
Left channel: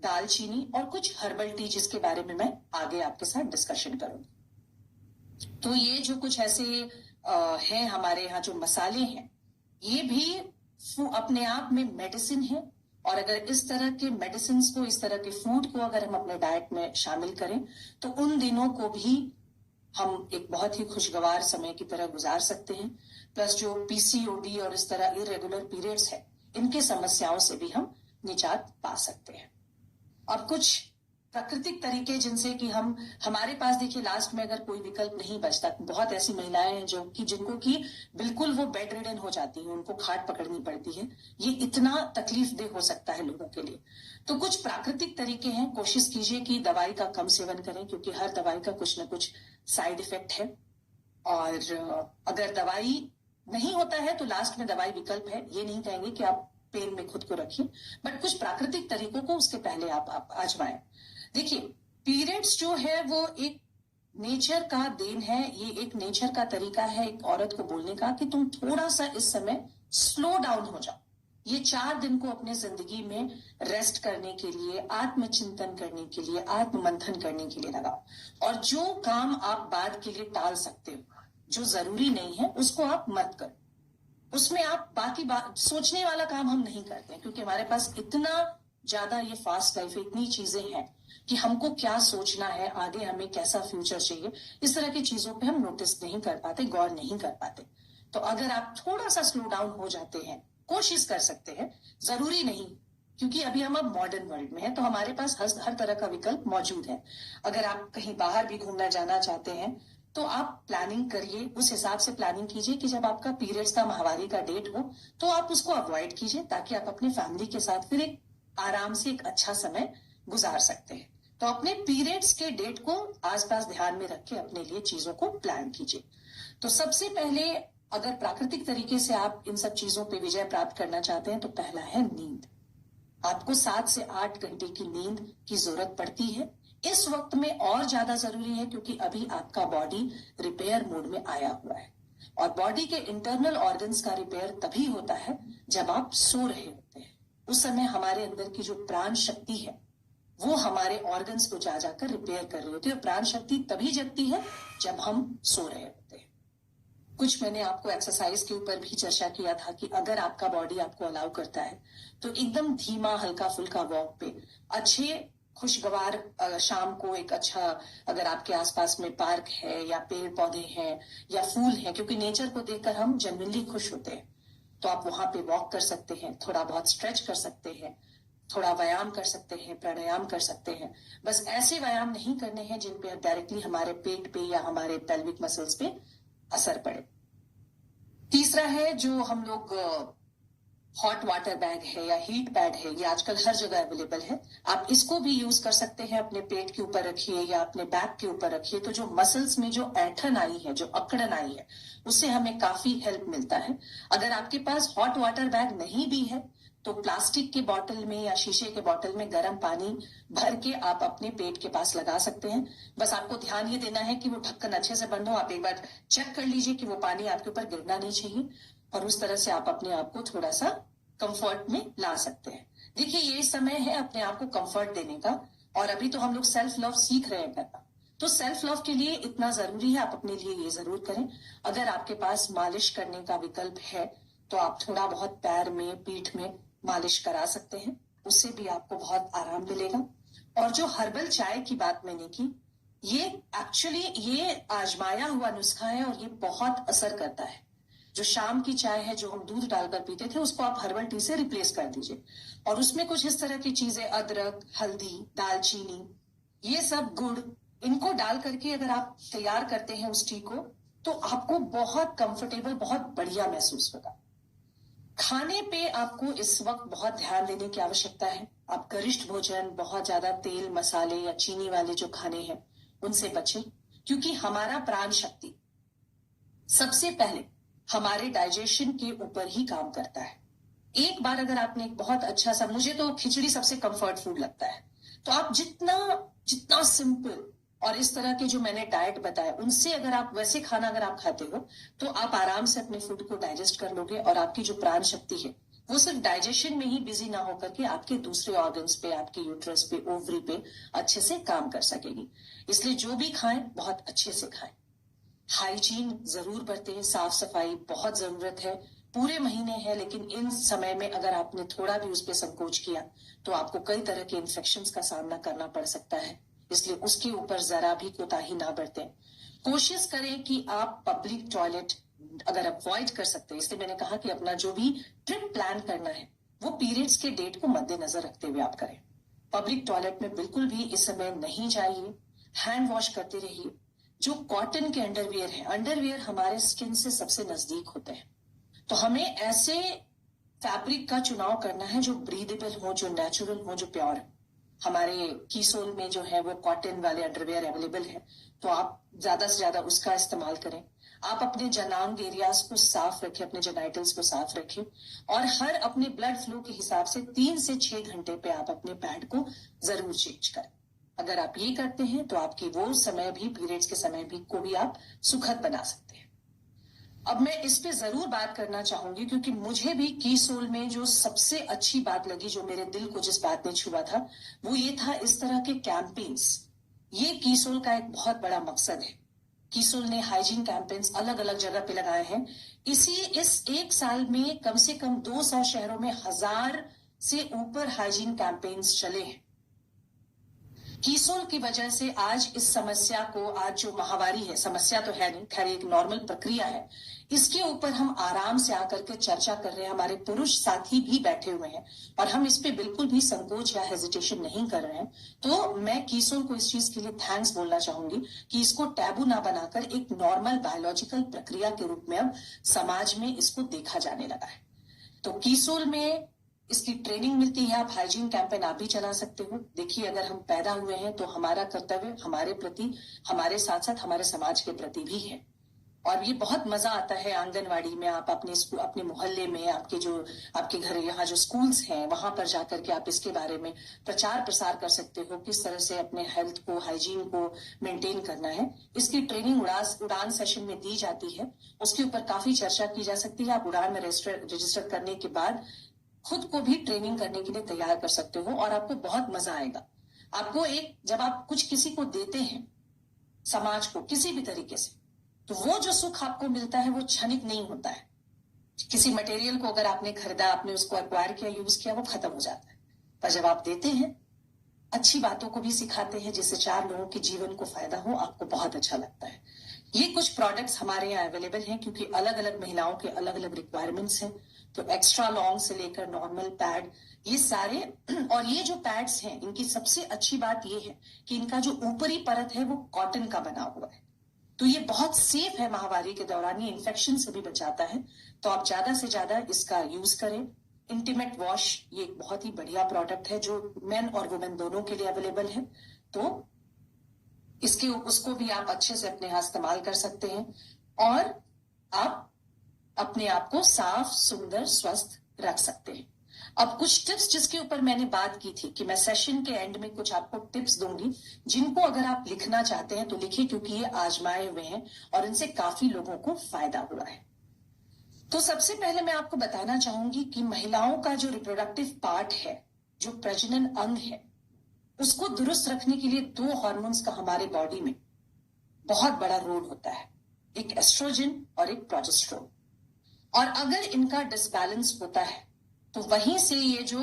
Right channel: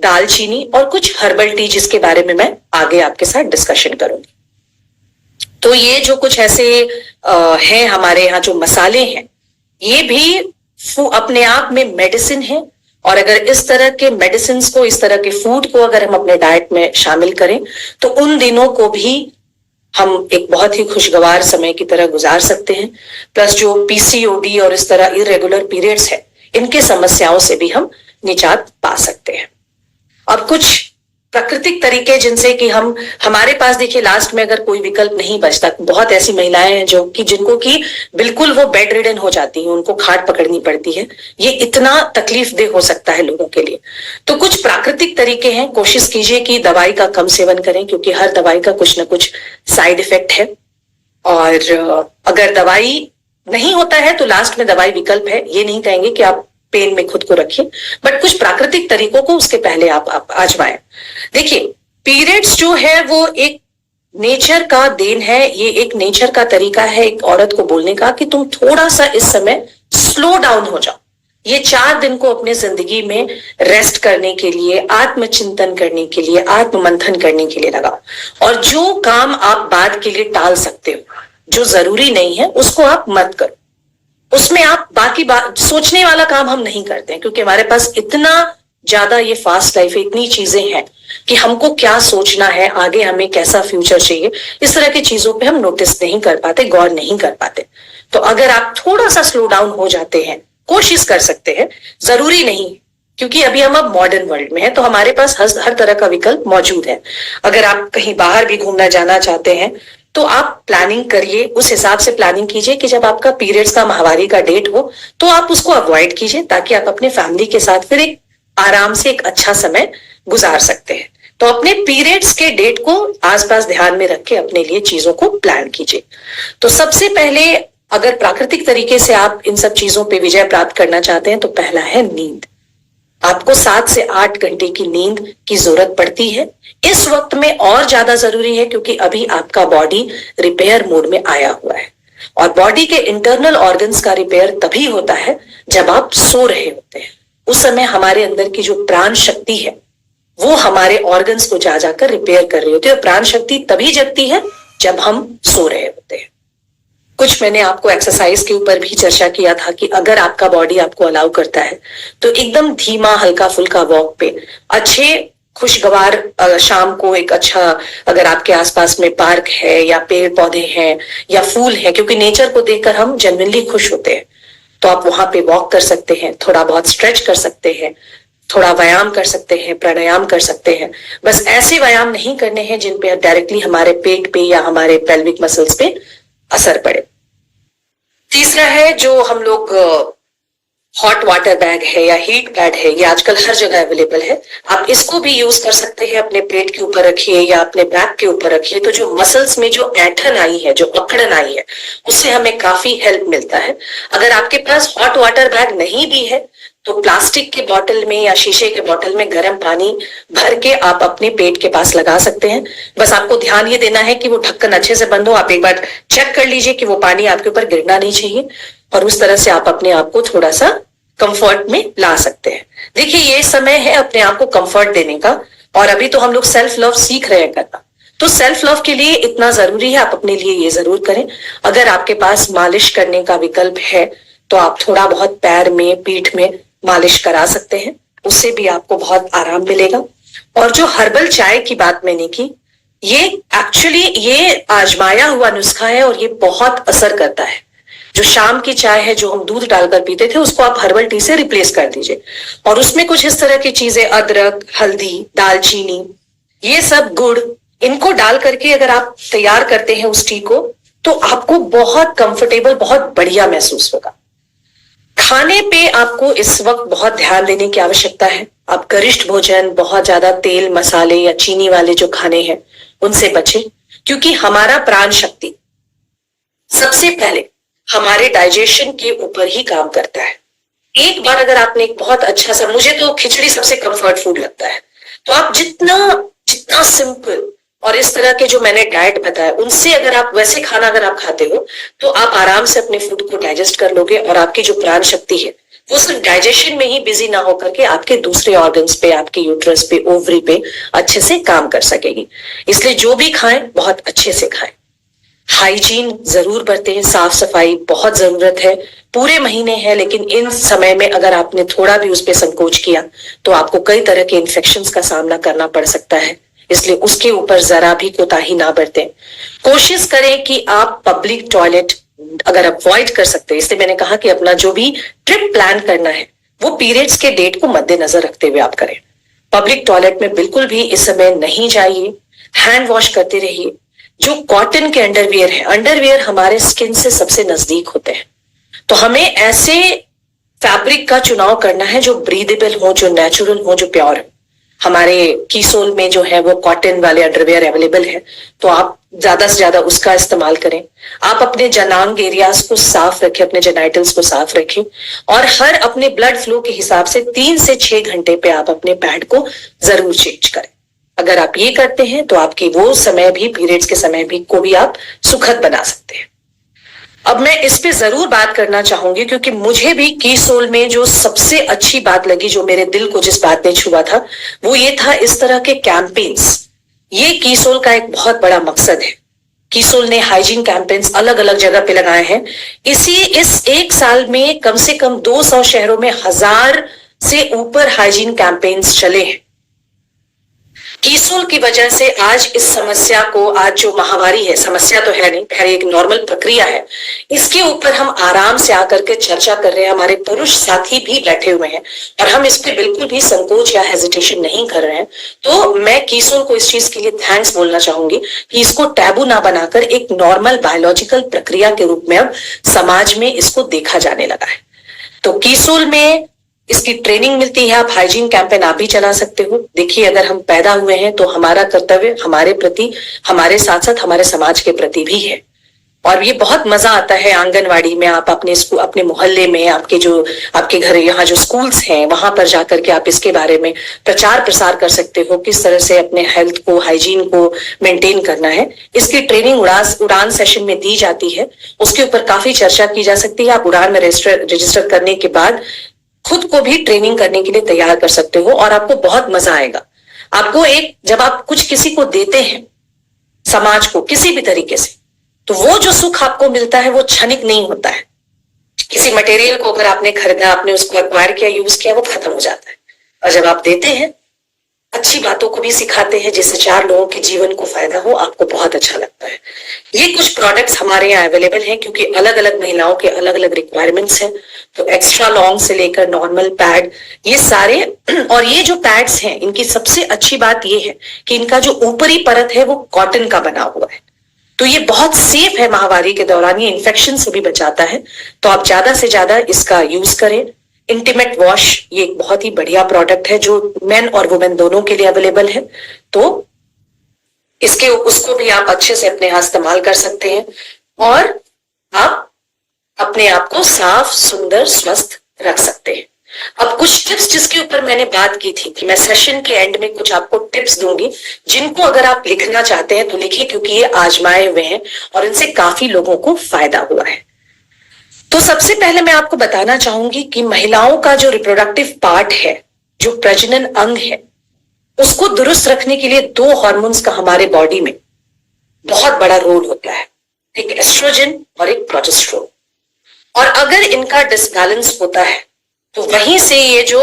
दालचीनी और कुछ हर्बल टी, जिसके बारे में मैं आगे आपके साथ डिस्कशन करूंगी। तो ये जो कुछ ऐसे हैं हमारे यहाँ जो मसाले हैं, ये भी अपने आप में मेडिसिन है। और अगर इस तरह के मेडिसिन को, इस तरह के फूड को अगर हम अपने डाइट में शामिल करें तो उन दिनों को भी हम एक बहुत ही खुशगवार समय की तरह गुजार सकते हैं। प्लस जो पीसीओडी और इस तरह इरेगुलर पीरियड्स है, इनके समस्याओं से भी हम निजात पा सकते हैं। अब कुछ प्राकृतिक तरीके जिनसे कि हमारे पास, देखिए लास्ट में अगर कोई विकल्प नहीं बचता, बहुत ऐसी महिलाएं हैं जो कि जिनको कि बिल्कुल वो बेड रिडन हो जाती हैं, उनको खाट पकड़नी पड़ती है। ये इतना तकलीफ दे हो सकता है लोगों के लिए। तो कुछ प्राकृतिक तरीके हैं, कोशिश कीजिए कि दवाई का कम सेवन करें, क्योंकि हर दवाई का कुछ ना कुछ साइड इफेक्ट है। और अगर दवाई नहीं होता है तो लास्ट में दवाई विकल्प है। ये नहीं कहेंगे कि आप पेन में खुद को रखिए, बट कुछ प्राकृतिक तरीकों को उसके पहले आप आजमाएं। देखिए, पीरियड्स जो है वो एक नेचर का देन है, ये एक नेचर का तरीका है एक औरत को बोलने का कि तुम थोड़ा सा इस समय स्लो डाउन हो जाओ। ये 4 दिन को अपने जिंदगी में रेस्ट करने के लिए, आत्मचिंतन करने के लिए, आत्ममंथन करने के लिए लगाओ। और जो काम आप बाद के लिए टाल सकते हो, जो जरूरी नहीं है, उसको आप मत करो। उसमें आप बाकी बात सोचने वाला काम हम नहीं करते हैं, क्योंकि हमारे पास इतना ज्यादा ये फास्ट लाइफ है, इतनी चीजें हैं कि हमको क्या सोचना है, आगे हमें कैसा फ्यूचर चाहिए, इस तरह की चीजों पे हम नोटिस नहीं कर पाते, गौर नहीं कर पाते। तो अगर आप थोड़ा सा स्लो डाउन हो जाते हैं, कोशिश कर सकते हैं, जरूरी नहीं, क्योंकि अभी हम अब मॉडर्न वर्ल्ड में हैं, तो हमारे पास हर तरह का विकल्प मौजूद है। अगर आप कहीं बाहर भी घूमना जाना चाहते हैं तो आप प्लानिंग करिए, उस हिसाब से प्लानिंग कीजिए कि जब आपका पीरियड्स का, माहवारी का डेट हो तो आप उसको अवॉइड कीजिए, ताकि आप अपने फैमिली के साथ फिर एक आराम से एक अच्छा समय गुजार सकते हैं। तो अपने पीरियड्स के डेट को आसपास ध्यान में रख के अपने लिए चीजों को प्लान कीजिए। तो सबसे पहले, अगर प्राकृतिक तरीके से आप इन सब चीजों पे विजय प्राप्त करना चाहते हैं, तो पहला है नींद। आपको 7 से 8 घंटे की नींद की जरूरत पड़ती है। इस वक्त में और ज्यादा जरूरी है, क्योंकि अभी आपका बॉडी रिपेयर मोड में आया हुआ है। और बॉडी के इंटरनल ऑर्गन्स का रिपेयर तभी होता है जब आप सो रहे होते हैं। उस समय हमारे अंदर की जो प्राण शक्ति है वो हमारे ऑर्गन्स को जा जाकर रिपेयर कर रही होती है। और प्राण शक्ति तभी जगती है जब हम सो रहे होते हैं। कुछ मैंने आपको एक्सरसाइज के ऊपर भी चर्चा किया था कि अगर आपका बॉडी आपको अलाउ करता है तो एकदम धीमा हल्का फुल्का वॉक पे, अच्छे खुशगवार शाम को एक अच्छा, अगर आपके आसपास में पार्क है या पेड़ पौधे हैं या फूल है, क्योंकि नेचर को देखकर हम जेन्युइनली खुश होते हैं, तो आप वहां पे वॉक कर सकते हैं, थोड़ा बहुत स्ट्रेच कर सकते हैं, थोड़ा व्यायाम कर सकते हैं, प्राणायाम कर सकते हैं। बस ऐसे व्यायाम नहीं करने हैं जिन पे डायरेक्टली हमारे पेट पे या हमारे पेल्विक मसल्स पे असर पड़े। तीसरा है जो हम लोग हॉट वाटर बैग है या हीट पैड है, ये आजकल हर जगह अवेलेबल है। आप इसको भी यूज कर सकते हैं, अपने पेट के ऊपर रखिए या अपने बैक के ऊपर रखिए, तो जो मसल्स में जो ऐंठन आई है, जो अकड़न आई है, उससे हमें काफी हेल्प मिलता है। अगर आपके पास हॉट वाटर बैग नहीं भी है तो प्लास्टिक के बोतल में या शीशे के बोतल में गर्म पानी भर के आप अपने पेट के पास लगा सकते हैं। बस आपको ध्यान ये देना है कि वो ढक्कन अच्छे से बंद हो। आप एक बार चेक कर लीजिए कि वो पानी आपके ऊपर गिरना नहीं चाहिए, और उस तरह से आप अपने आप को थोड़ा सा कंफर्ट में ला सकते हैं। देखिए, ये समय है अपने आप को कंफर्ट देने का, और अभी तो हम लोग सेल्फ लव सीख रहे हैं करना, तो सेल्फ लव के लिए इतना जरूरी है, आप अपने लिए ये जरूर करें। अगर आपके पास मालिश करने का विकल्प है तो आप थोड़ा बहुत पैर में, पीठ में मालिश करा सकते हैं, उससे भी आपको बहुत आराम मिलेगा। और जो हर्बल चाय की बात मैंने की, ये एक्चुअली ये आजमाया हुआ नुस्खा है और ये बहुत असर करता है। जो शाम की चाय है जो हम दूध डालकर पीते थे, उसको आप हर्बल टी से रिप्लेस कर दीजिए, और उसमें कुछ इस तरह की चीजें, अदरक, हल्दी, दालचीनी, ये सब गुड़, इनको डाल करके अगर आप तैयार करते हैं उस टी को, तो आपको बहुत कंफर्टेबल, बहुत बढ़िया महसूस होगा। खाने पे आपको इस वक्त बहुत ध्यान देने की आवश्यकता है। आप गरिष्ठ भोजन, बहुत ज्यादा तेल, मसाले या चीनी वाले जो खाने हैं उनसे बचें, क्योंकि हमारा प्राण शक्ति सबसे पहले हमारे डाइजेशन के ऊपर ही काम करता है। एक बार अगर आपने एक बहुत अच्छा सा, मुझे तो खिचड़ी सबसे कंफर्ट फूड लगता है, तो आप जितना जितना सिंपल और इस तरह के जो मैंने डाइट बताया, उनसे अगर आप वैसे खाना अगर आप खाते हो तो आप आराम से अपने फूड को डाइजेस्ट कर लोगे, और आपकी जो प्राण शक्ति है वो सिर्फ डाइजेशन में ही बिजी ना होकर के आपके दूसरे ऑर्गन्स पे, आपके यूट्रस पे, ओवरी पे अच्छे से काम कर सकेगी। इसलिए जो भी खाएं बहुत अच्छे से खाएं। हाइजीन जरूर बरतें, साफ सफाई बहुत जरूरत है। पूरे महीने है, लेकिन इन समय में अगर आपने थोड़ा भी उस पर संकोच किया तो आपको कई तरह के इन्फेक्शंस का सामना करना पड़ सकता है, इसलिए उसके ऊपर जरा भी कोताही ना बरतें। कोशिश करें कि आप पब्लिक टॉयलेट अगर अवॉइड कर सकते हैं, इसलिए मैंने कहा कि अपना जो भी ट्रिप प्लान करना है वो पीरियड्स के डेट को मद्देनजर रखते हुए आप करें। पब्लिक टॉयलेट में बिल्कुल भी इस समय नहीं जाइए, हैंड वॉश करते रहिए। जो कॉटन के अंडरवियर है, अंडरवियर हमारे स्किन से सबसे नजदीक होते हैं, तो हमें ऐसे फैब्रिक का चुनाव करना है जो ब्रीदेबल हो, जो नेचुरल हो, जो प्योर हो। हमारे कीसोल में जो है वो कॉटन वाले अंडरवियर अवेलेबल है, तो आप ज्यादा से ज्यादा उसका इस्तेमाल करें। आप अपने जनांग एरियाज को साफ रखें, अपने जेनाइटल्स को साफ रखें, और हर अपने ब्लड फ्लो के हिसाब से 3 से 6 घंटे पे आप अपने पैड को जरूर चेंज करें। अगर आप ये करते हैं तो आपकी वो समय भी, पीरियड्स के समय भी को भी आप सुखद बना सकते हैं। अब मैं इस पे जरूर बात करना चाहूंगी, क्योंकि मुझे भी कीसोल में जो सबसे अच्छी बात लगी, जो मेरे दिल को जिस बात ने छुआ था, वो ये था इस तरह के कैंपेन्स। ये कीसोल का एक बहुत बड़ा मकसद है। कीसोल ने हाइजीन कैंपेन्स अलग अलग जगह पे लगाए हैं। इस एक साल में कम से कम 200 शहरों में 1000 से ऊपर हाइजीन कैंपेन्स चले हैं। कीसोल की वजह से आज इस समस्या को, आज जो महामारी है, समस्या तो है नहीं, खैर एक नॉर्मल प्रक्रिया है, इसके ऊपर हम आराम से आकर के चर्चा कर रहे हैं। हमारे पुरुष साथी भी बैठे हुए हैं और हम इस पे बिल्कुल भी संकोच या हेजिटेशन नहीं कर रहे हैं। तो मैं कीसोल को इस चीज के लिए थैंक्स बोलना चाहूंगी कि इसको टैबू ना बनाकर एक नॉर्मल बायोलॉजिकल प्रक्रिया के रूप में अब समाज में इसको देखा जाने लगा है। तो कीसोल में इसकी ट्रेनिंग मिलती है। आप हाइजीन कैंपेन आप भी चला सकते हो। देखिए, अगर हम पैदा हुए हैं तो हमारा कर्तव्य हमारे प्रति, हमारे साथ साथ हमारे समाज के प्रति भी है। और ये बहुत मजा आता है आंगनवाड़ी में, आप अपने मोहल्ले में, आपके घर, यहाँ जो स्कूल्स हैं वहां पर जाकर के आप इसके बारे में प्रचार प्रसार कर सकते हो, किस तरह से अपने हेल्थ को, हाइजीन को मेंटेन करना है। इसकी ट्रेनिंग उड़ान सेशन में दी जाती है, उसके ऊपर काफी चर्चा की जा सकती है। आप उड़ान में रजिस्टर करने के बाद खुद को भी ट्रेनिंग करने के लिए तैयार कर सकते हो, और आपको बहुत मजा आएगा। आपको जब आप कुछ किसी को देते हैं, समाज को किसी भी तरीके से, तो वो जो सुख आपको मिलता है वो क्षणिक नहीं होता है। किसी मटेरियल को अगर आपने खरीदा, आपने उसको एक्वायर किया, यूज किया, वो खत्म हो जाता है। और जब आप देते हैं, अच्छी बातों को भी सिखाते हैं जिससे 4 लोगों के जीवन को फायदा हो, आपको बहुत अच्छा लगता है। ये कुछ प्रोडक्ट्स हमारे यहाँ अवेलेबल हैं क्योंकि अलग अलग महिलाओं के अलग अलग रिक्वायरमेंट्स हैं। तो एक्स्ट्रा लॉन्ग से लेकर नॉर्मल पैड, ये सारे और ये जो पैड्स हैं इनकी सबसे अच्छी बात ये है कि इनका जो ऊपरी परत है वो कॉटन का बना हुआ है, तो ये बहुत सेफ है। माहवारी के दौरान ये इन्फेक्शन से भी बचाता है, तो आप ज्यादा से ज्यादा इसका यूज करें। इंटीमेट वॉश ये एक बहुत ही बढ़िया प्रोडक्ट है जो मेन और वुमेन दोनों के लिए अवेलेबल है, तो इसके उसको भी आप अच्छे से अपने यहाँ इस्तेमाल कर सकते हैं और आप अपने आप को साफ, सुंदर, स्वस्थ रख सकते हैं। अब कुछ टिप्स जिसके ऊपर मैंने बात की थी कि मैं सेशन के एंड में कुछ आपको टिप्स दूंगी, जिनको अगर आप लिखना चाहते हैं तो लिखिए क्योंकि ये आजमाए हुए हैं और इनसे काफी लोगों को फायदा हुआ है। तो सबसे पहले मैं आपको बताना चाहूंगी कि महिलाओं का जो रिप्रोडक्टिव पार्ट है, जो प्रजनन अंग है, उसको दुरुस्त रखने के लिए 2 हार्मोन्स का हमारे बॉडी में बहुत बड़ा रोल होता है, एक एस्ट्रोजन और एक प्रोजेस्टेरोन। और अगर इनका डिसबैलेंस होता है तो वहीं से ये जो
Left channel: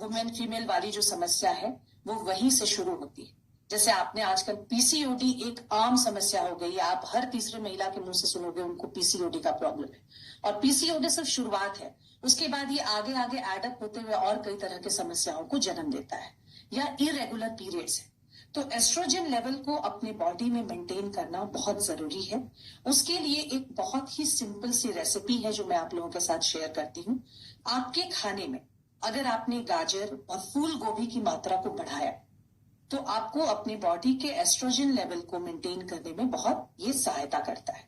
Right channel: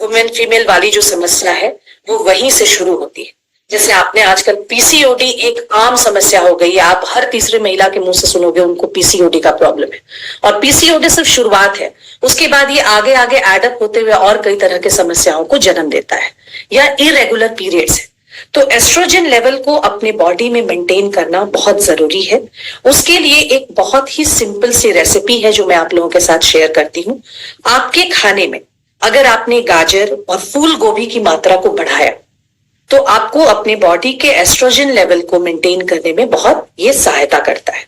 वुमेन फीमेल वाली जो समस्या है वो वहीं से शुरू होती है। जैसे आपने आजकल पीसीओडी एक आम समस्या हो गई है, आप हर तीसरे महिला के मुंह से सुनोगे उनको पीसीओडी का प्रॉब्लम है। और पीसीओडी सिर्फ शुरुआत है, उसके बाद ये आगे आगे एडअप होते हुए और कई तरह के समस्याओं को जन्म देता है, या इरेगुलर पीरियड्स है। तो एस्ट्रोजन लेवल को अपने बॉडी में मेंटेन करना बहुत जरूरी है। उसके लिए एक बहुत ही सिंपल सी रेसिपी है जो मैं आप लोगों के साथ शेयर करती हूँ। आपके खाने में अगर आपने गाजर और फूल गोभी की मात्रा को बढ़ाया तो आपको अपने बॉडी के एस्ट्रोजन लेवल को मेंटेन करने में बहुत ये सहायता करता है।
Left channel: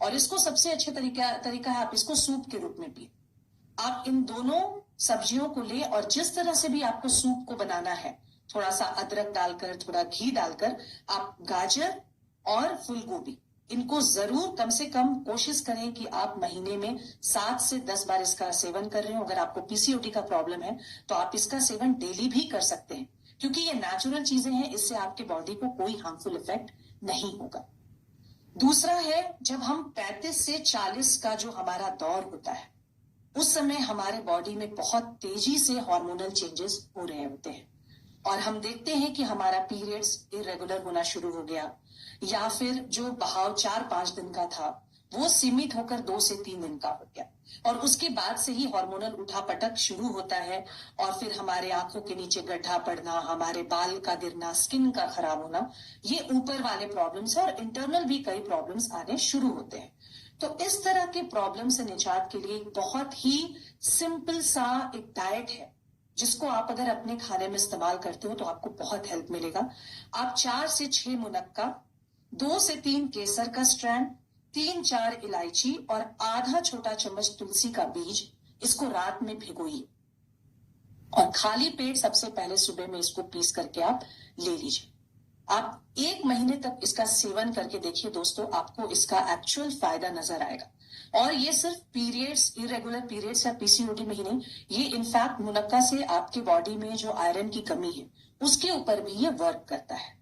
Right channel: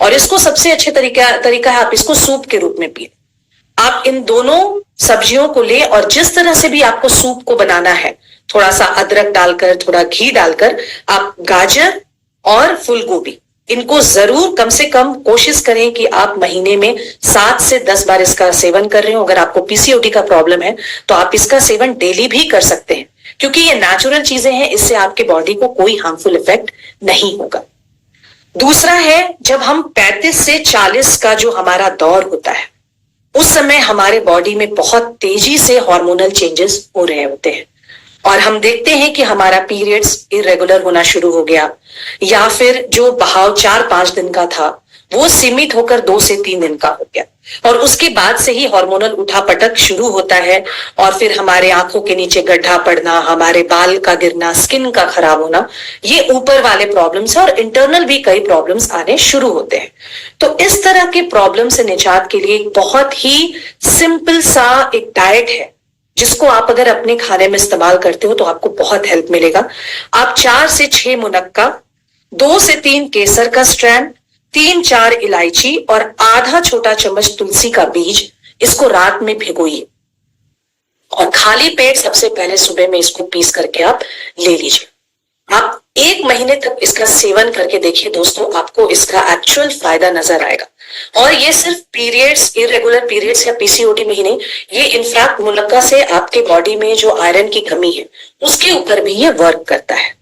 और इसको सबसे अच्छे तरीका है आप इसको सूप के रूप में पिए। आप इन दोनों सब्जियों को ले और जिस तरह से भी आपको सूप को बनाना है, थोड़ा सा अदरक डालकर, थोड़ा घी डालकर, आप गाजर और फूल गोभी इनको जरूर कम से कम कोशिश करें कि आप महीने में 7 से 10 बार इसका सेवन कर रहे हो। अगर आपको पीसीओडी का प्रॉब्लम है तो आप इसका सेवन डेली भी कर सकते हैं क्योंकि ये नेचुरल चीजें हैं, इससे आपके बॉडी को कोई हार्मफुल इफेक्ट नहीं होगा। दूसरा है, जब हम 35 से 40 का जो हमारा दौर होता है उस समय हमारे बॉडी में बहुत तेजी से हार्मोनल चेंजेस हो रहे होते हैं और हम देखते हैं कि हमारा पीरियड्स इरेगुलर होना शुरू हो गया, या फिर जो बहाव 4-5 दिन का था वो सीमित होकर 2 से 3 दिन का हो गया, और उसके बाद से ही हार्मोनल उठापटक शुरू होता है और फिर हमारे आंखों के नीचे गड्ढा पड़ना, हमारे बाल का गिरना, स्किन का खराब होना, ये ऊपर वाले प्रॉब्लम्स है और इंटरनल भी कई प्रॉब्लम्स आने शुरू होते हैं। तो इस तरह के प्रॉब्लम से निजात के लिए एक बहुत ही सिंपल सा एक डाइट है जिसको आप अगर अपने खाने में इस्तेमाल करते हो तो आपको बहुत हेल्प मिलेगा। आप 4 से 6 मुनक्का, 2 से 3 केसर का स्ट्रैंड, 3-4 इलायची और आधा छोटा चम्मच तुलसी का बीज, इसको रात में भिगोइए और खाली पेट सबसे पहले सुबह में इसको पीस करके आप ले लीजिए। आप 1 महीने तक इसका सेवन करके देखिए दोस्तों, आपको इसका एक्चुअल फायदा नजर आएगा। और ये सिर्फ पीरियड्स, इरेगुलर पीरियड्स या पीसीओडी में ही नहीं, ये इनफैक्ट मुनक्का से आपके बॉडी में जो आयरन की कमी है उसके ऊपर भी ये वर्क करता है।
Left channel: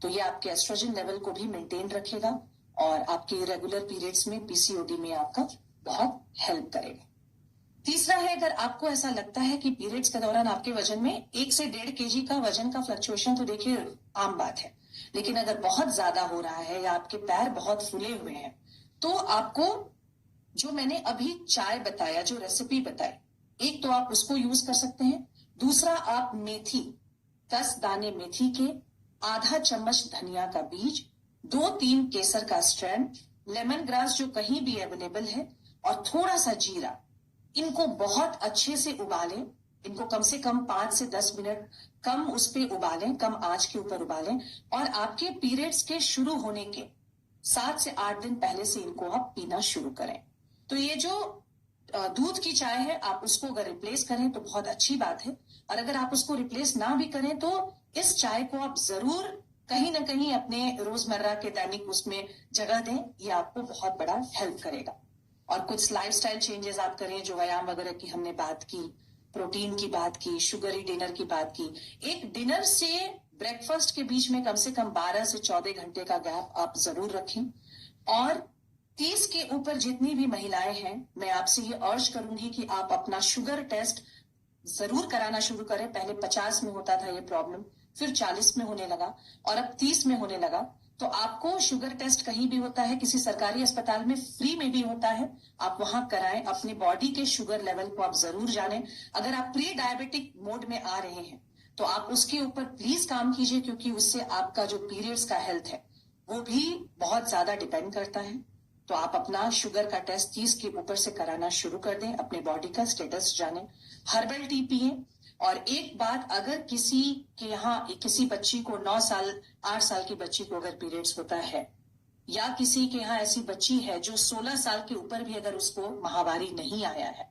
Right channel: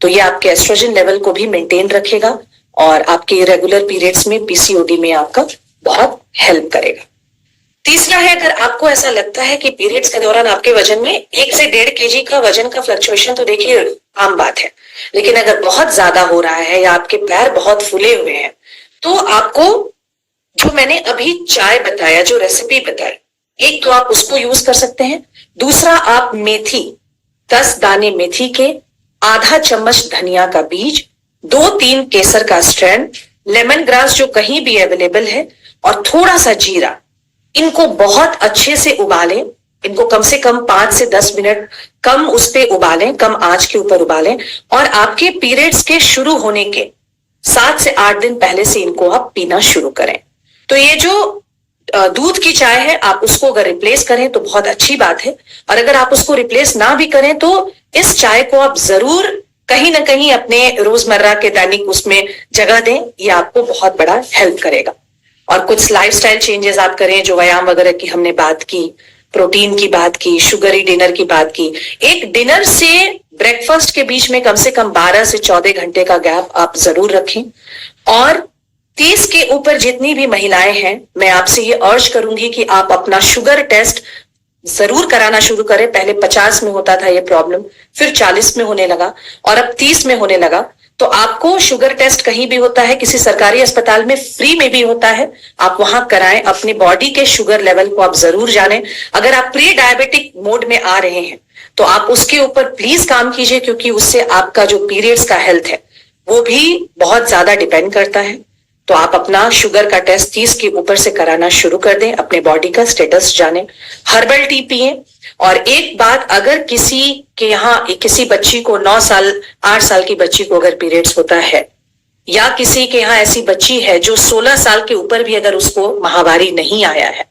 तो ये आपके एस्ट्रोजन लेवल को भी मेंटेन रखेगा और आपके इरेगुलर पीरियड्स में, पीसीओडी में आपका बहुत हेल्प करेगा। तीसरा है, अगर आपको ऐसा लगता है कि पीरियड्स के दौरान आपके वजन में 1 से 1.5 केजी का वजन का फ्लक्चुएशन, तो देखिए आम बात है, लेकिन अगर बहुत ज्यादा हो रहा है या आपके पैर बहुत फूले हुए हैं तो आपको जो मैंने अभी चाय बताया, जो रेसिपी बताई, एक तो आप उसको यूज कर सकते हैं। दूसरा, आप मेथी, 10 दाने मेथी के, आधा चम्मच धनिया का बीज, 2-3 केसर का स्ट्रैंड, लेमन ग्रास जो कहीं भी अवेलेबल है, और थोड़ा सा जीरा, इनको बहुत अच्छे से उबालें। इनको कम से कम 5 से 10 मिनट कम उस पे उबालें, कम आंच के ऊपर उबालें, और आपके पीरियड्स के शुरू होने के 7 से 8 दिन पहले से इनको आप पीना शुरू करें। तो ये जो दूध की चाय है, आप उसको अगर रिप्लेस करें तो बहुत अच्छी बात है, और अगर आप उसको रिप्लेस ना भी करें तो इस चाय को आप जरूर कहीं ना कहीं अपने रोजमर्रा के दैनिक उसमें जगह दें, ये आपको बहुत बड़ा हेल्प करेगा। और कुछ लाइफस्टाइल चेंजेस आप करें, जो व्यायाम वगैरह की हमने बात की, प्रोटीन की बात की, शुगरी डिनर की बात की। एक डिनर से ब्रेकफास्ट के बीच में कम से कम 12 से 14 घंटे का गैप आप जरूर रखें। और 30 के ऊपर जितनी भी महिलाएं हैं, मैं आपसे ये अर्ज करूंगी कि आप अपना शुगर टेस्ट जरूर कराना शुरू करें। पहले 50 में होता था ये प्रॉब्लम, फिर 40 में होने लगा और अब 30 में होने लगा। तो आपको शुगर टेस्ट कहीं भी होता है, किसी सरकारी अस्पताल में फ्री में भी होता है, आप वहां कराएं। अपने बॉडी के शुगर लेवल को आप जरूर जानें। अगर आप प्री डायबिटिक मोड में आ रहे हैं तो आप उसके ऊपर प्लीज काम कीजिए, क्योंकि उससे आपका जो पीरियड्स का हेल्थ है वो भी बहुत ज्यादा डिपेंड करता है। तो आप अपना शुगर का टेस्ट 30 के ऊपर से कराना शुरू कर दें, अपने बॉडी का स्टेटस जानें, हर्बल टी पिए। और एक बात, अगर किसी के यहाँ किसी बच्ची को 9 साल 8 साल की बच्ची को अगर पीरियड्स होता है, या किसी के यहाँ ऐसी बच्ची है जो 16 साल के ऊपर भी अगर उसको माहवारी नहीं आया है,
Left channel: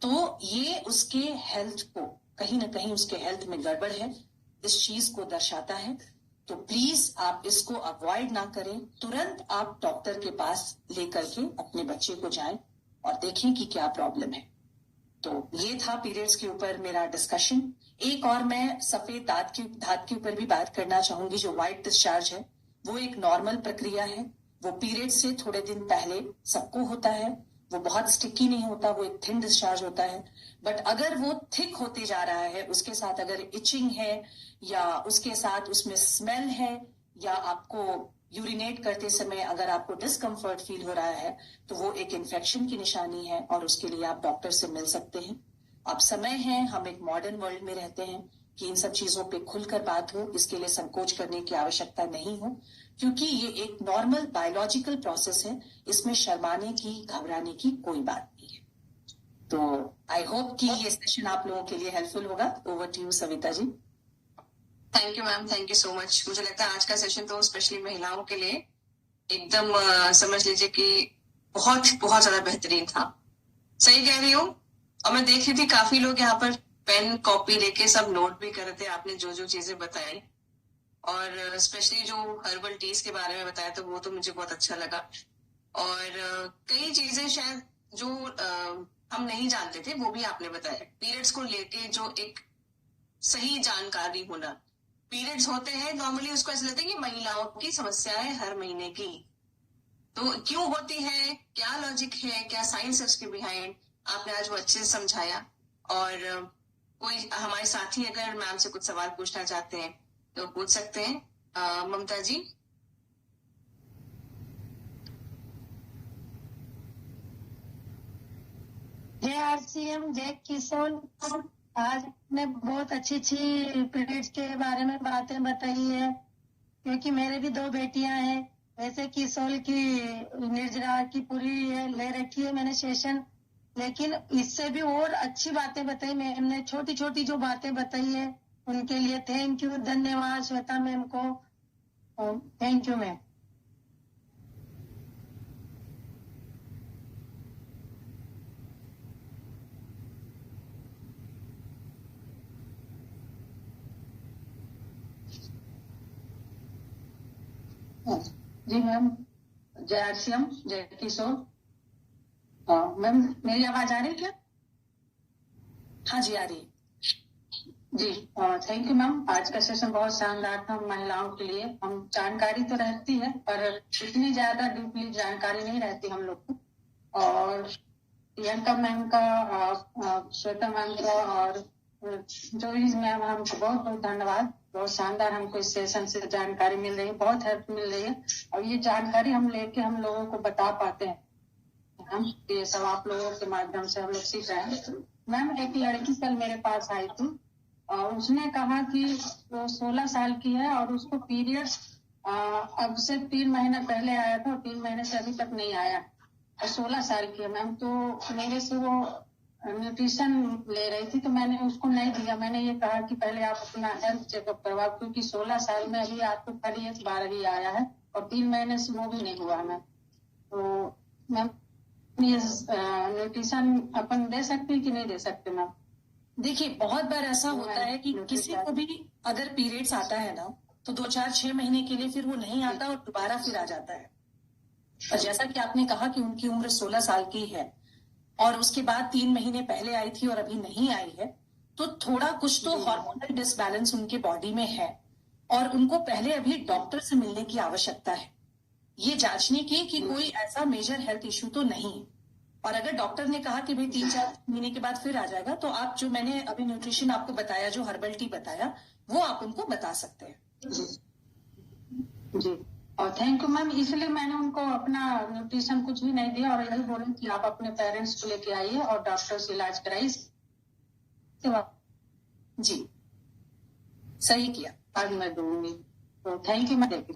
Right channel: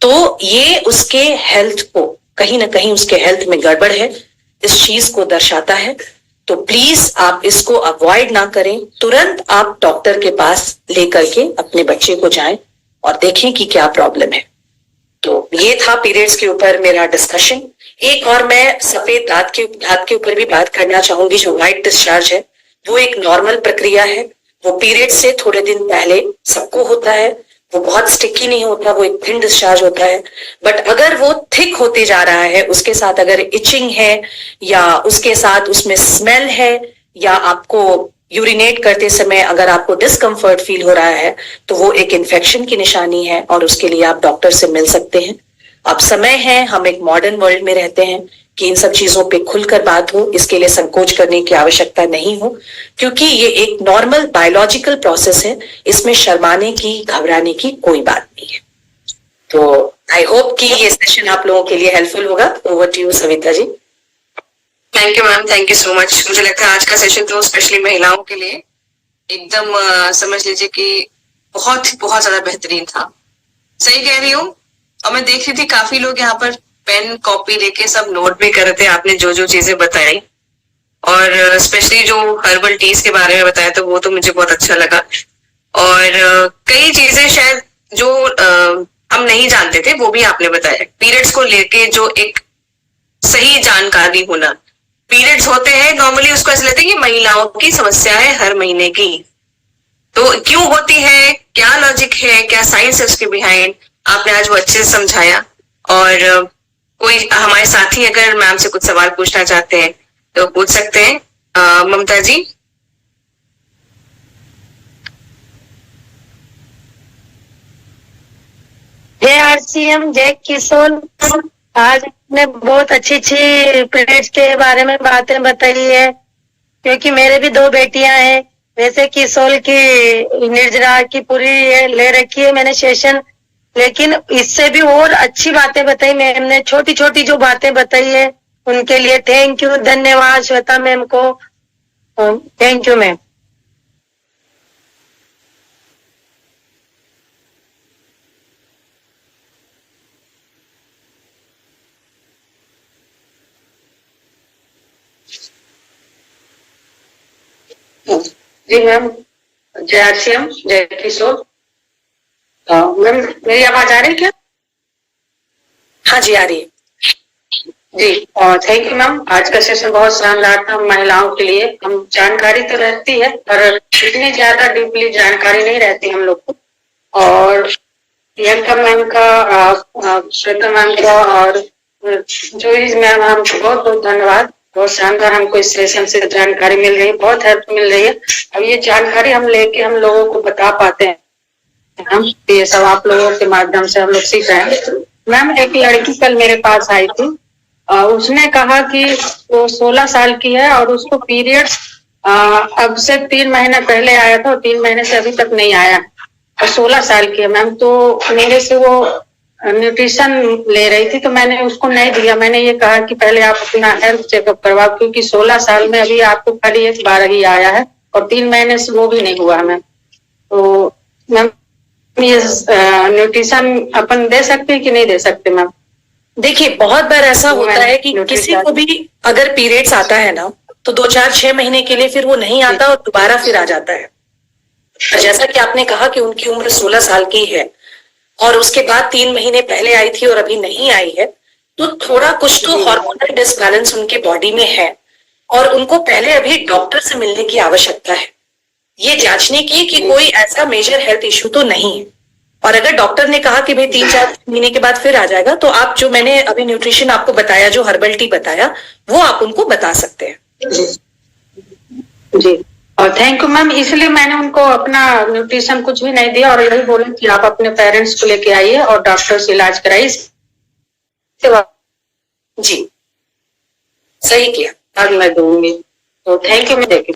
तो ये उसके हेल्थ को कहीं ना कहीं उसके हेल्थ में गड़बड़ है, इस चीज को दर्शाता है। तो प्लीज आप इसको अवॉइड ना करें, तुरंत आप डॉक्टर के पास लेकर के अपने बच्चे को जाएं और देखें कि क्या प्रॉब्लम है। तो ये था पीरियड्स के ऊपर मेरा डिस्कशन। एक और मैं सफेद दांत के ऊपर भी बात करना चाहूंगी। जो व्हाइट डिस्चार्ज है वो एक नॉर्मल प्रक्रिया है, वो पीरियड्स से थोड़े दिन पहले सबको होता है। वो बहुत स्टिकी नहीं होता, वो एक थिन डिस्चार्ज होता है। बट अगर वो थिक होते जा रहा है, उसके साथ अगर इचिंग है या उसके साथ उसमें स्मेल है, या आपको यूरिनेट करते समय अगर आपको डिस्कम्फर्ट फील हो रहा है, तो वो एक इन्फेक्शन की निशानी है और उसके लिए आप डॉक्टर से मिल सकते हैं। अब समय है, हम एक मॉडर्न वर्ल्ड में रहते हैं कि इन सब चीजों पे खुलकर बात हो, इसके लिए संकोच करने की आवश्यकता नहीं हो, क्योंकि ये एक नॉर्मल बायोलॉजिकल प्रोसेस है। इसमें शर्माने की, घबराने की कोई बात नहीं है। तो आई होप कि ये सेशन आप लोगों के लिए हेल्पफुल होगा। Over to you Savita ji. Thank you ma'am, thank you so much. मुझे लगता है आज का सेशन तो स्पेशली महिलाओं के लिए एकदम समझ लीजिए कि बहुत बहुत ज्यादा बेहतरीन था। सही कह रही हूँ। और मैं देख रही थी काफी लोग यहाँ पर पेन कॉपी लेके सब नोट भी कर रहे थे, आपने जो जो चीजें बताई, और स्पेशली जो हर्बल टीज के बारे में बताया तो वो तो मुझे बहुत अच्छा लगा। और कई चीजें शायद जो हम नहीं जानते थे वो भी आपने बताया। पीरियड्स को लेके जो एक सही जानकारी होना, पीरियड्स होते हैं नॉर्मली उसको ऐसे लेते हैं कि महिलाओं की समस्या है हर महीने की, तो क्यों होती है, क्या लॉजिक है, क्या साइंस है उसके बिहाइंड, आपने आज वो अच्छे से समझाया। और कोई हमारे साथी अगर मैम से कुछ सवाल पूछना चाहते हैं तो पूछ सकते हैं। ममता जी। जय आरसीएम, जय किशोर। आज आपने बहुत अच्छी पीरियड्स के बारे में बातें बताई है, क्योंकि मेरे भी 2 बेटियां हैं। वैसे किशोर की निर्जरा की पूरी ले रखी है मैंने सेशन, लेकिन इससे भी और अच्छी बातें बताई मैम ने। छोटी छोटी जो बातें बताई है उनके लिए थैंक यू, धन्यवाद श्वेता मैम को। Thank you ma'am. जी मैम, जय आरसीएम, जय किशोर। मैम मेरी आवाज आ रही है क्या? हाँ जी, आ रही है जी। और थैंक यू मैम, आज का सेशन बहुत शानदार था महिलाओं के लिए। हम जानकारी तो रहती है पर इतनी ज्यादा डीपली जानकारी नहीं रहती हम लोग को। और प्रियंका मैम का, श्वेता मैम का और जोइस मैम, हमको बहुत बहुत धन्यवाद। बहुत शानदार हमको इस सेशन से जानकारी मिल रही है, बहुत हेल्प मिल रही है। अब ये जानकारी हम लेके हम लोगों को बता पाते हैं, हम ये सब आप लोगों के माध्यम से हम लोग सीख रहे हैं। मैम एक लड़की कल मेरे पास आई थी, उसने कहा कि वो 16 साल की है और उसको पीरियड्स अब से 3 महीने पहले आया था और 3 महीने से अभी तक नहीं आया, और 16 साल की है मैम। तो मेरे से वो न्यूट्रिशन ले रही थी, तो मैंने उसको नहीं दिया। मैंने ये कहा कि पहले आप अपना हेल्थ चेकअप करवाओ, क्योंकि 16 साल में अभी आपको खाली 1 बार ही आया है और 3 महीने से वो भी नहीं हुआ मैम। तो मैम ये न्यूट्रिशन अपन दे सकते हैं कि नहीं दे सकते मैम? देखिए, बहुत बार ऐसा होता है कि किसी को भी अगर पीरियड्स आता है ना, तो 2-4-6 महीने के लिए फिर वो नहीं आता और दोबारा फिर आ जाता है। और जैसा कि आपने कहा कि उनकी उम्र 16 साल की है और उसके बाद 3 महीने पहले आई थी और अभी नहीं आई है, तो थोड़ा कुछ तो हार्मोनल डिसबैलेंस उनके बॉडी में है और उनको पहले अभी डॉक्टर से मिलने की आवश्यकता है, ये जांचने की कि कोई ऐसा मेजर हेल्थ इश्यू तो नहीं है। और अगर डॉक्टर ने कहा कि भाई 3-4 महीने के बाद फिर आ जाएगा, तो आप जो मैंने अभी न्यूट्रिशन आपको बताया, जो हर्बल टी बताया, वो आप उनको बता सकते हैं। जी, और थैंक यू मैम। इसलिए मैंने उनको अपना न्यूट्रिशन कुछ भी नहीं दिया और यही बोला कि आप अपने पेरेंट्स को लेके आइए और डॉक्टर से इलाज कराइए। जी, सही किया। अब मैं दूंगी, तो थैंक यू। मैं देखी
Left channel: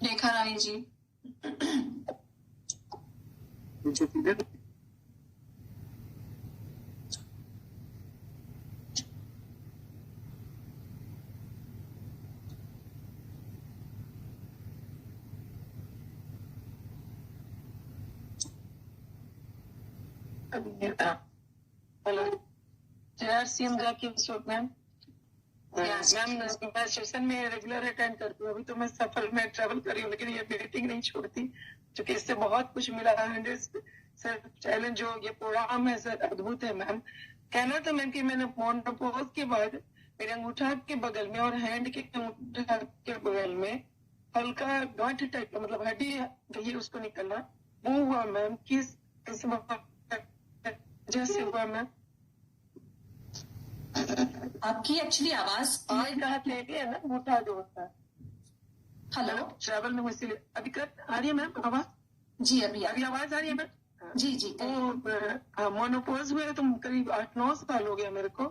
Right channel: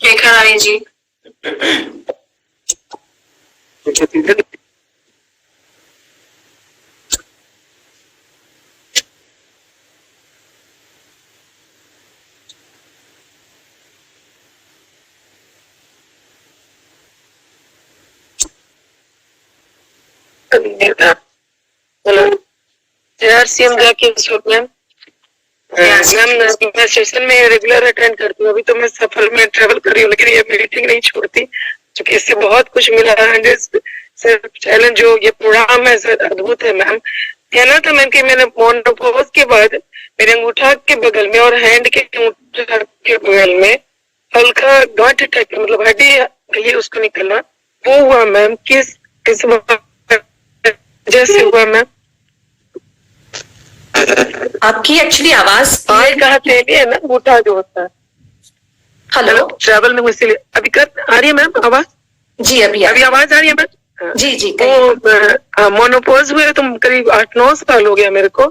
रेखा रानी जी। सीएम मैम मैं सेशन में रेगुलर अटेंड करती हूँ। अभी तो मैं सफल में ट्रेवल कर रही हूँ, लेकिन ये मीटिंग नहीं छोड़ती, क्योंकि इससे बहुत कुछ मिला है। सर चैलेंज जो ये प्रोग्राम है सर अद्भुत है मैम। कहना था मैम कि मैंने मोनोपोज के बाद मेरे अंगूठा के बगल में और हैंड के अंगूठा के बगल में हल्का गांठ टाइप, मतलब हड्डी गई उसको निकलना, वो हुआ मैम। किस जैसे हुआ मैम? आपकी एक्चुअली आवाज है ना, अंगूठा जो होता है। हेलो, ट्रैवल में इसीलिए अभी कर आ रही है मैम आवाज? जी अभी आवाज आ रही है मैम? जी जी। तो मोनोपोज हुए तो करीब 8-9 साल हो गया मेरे को,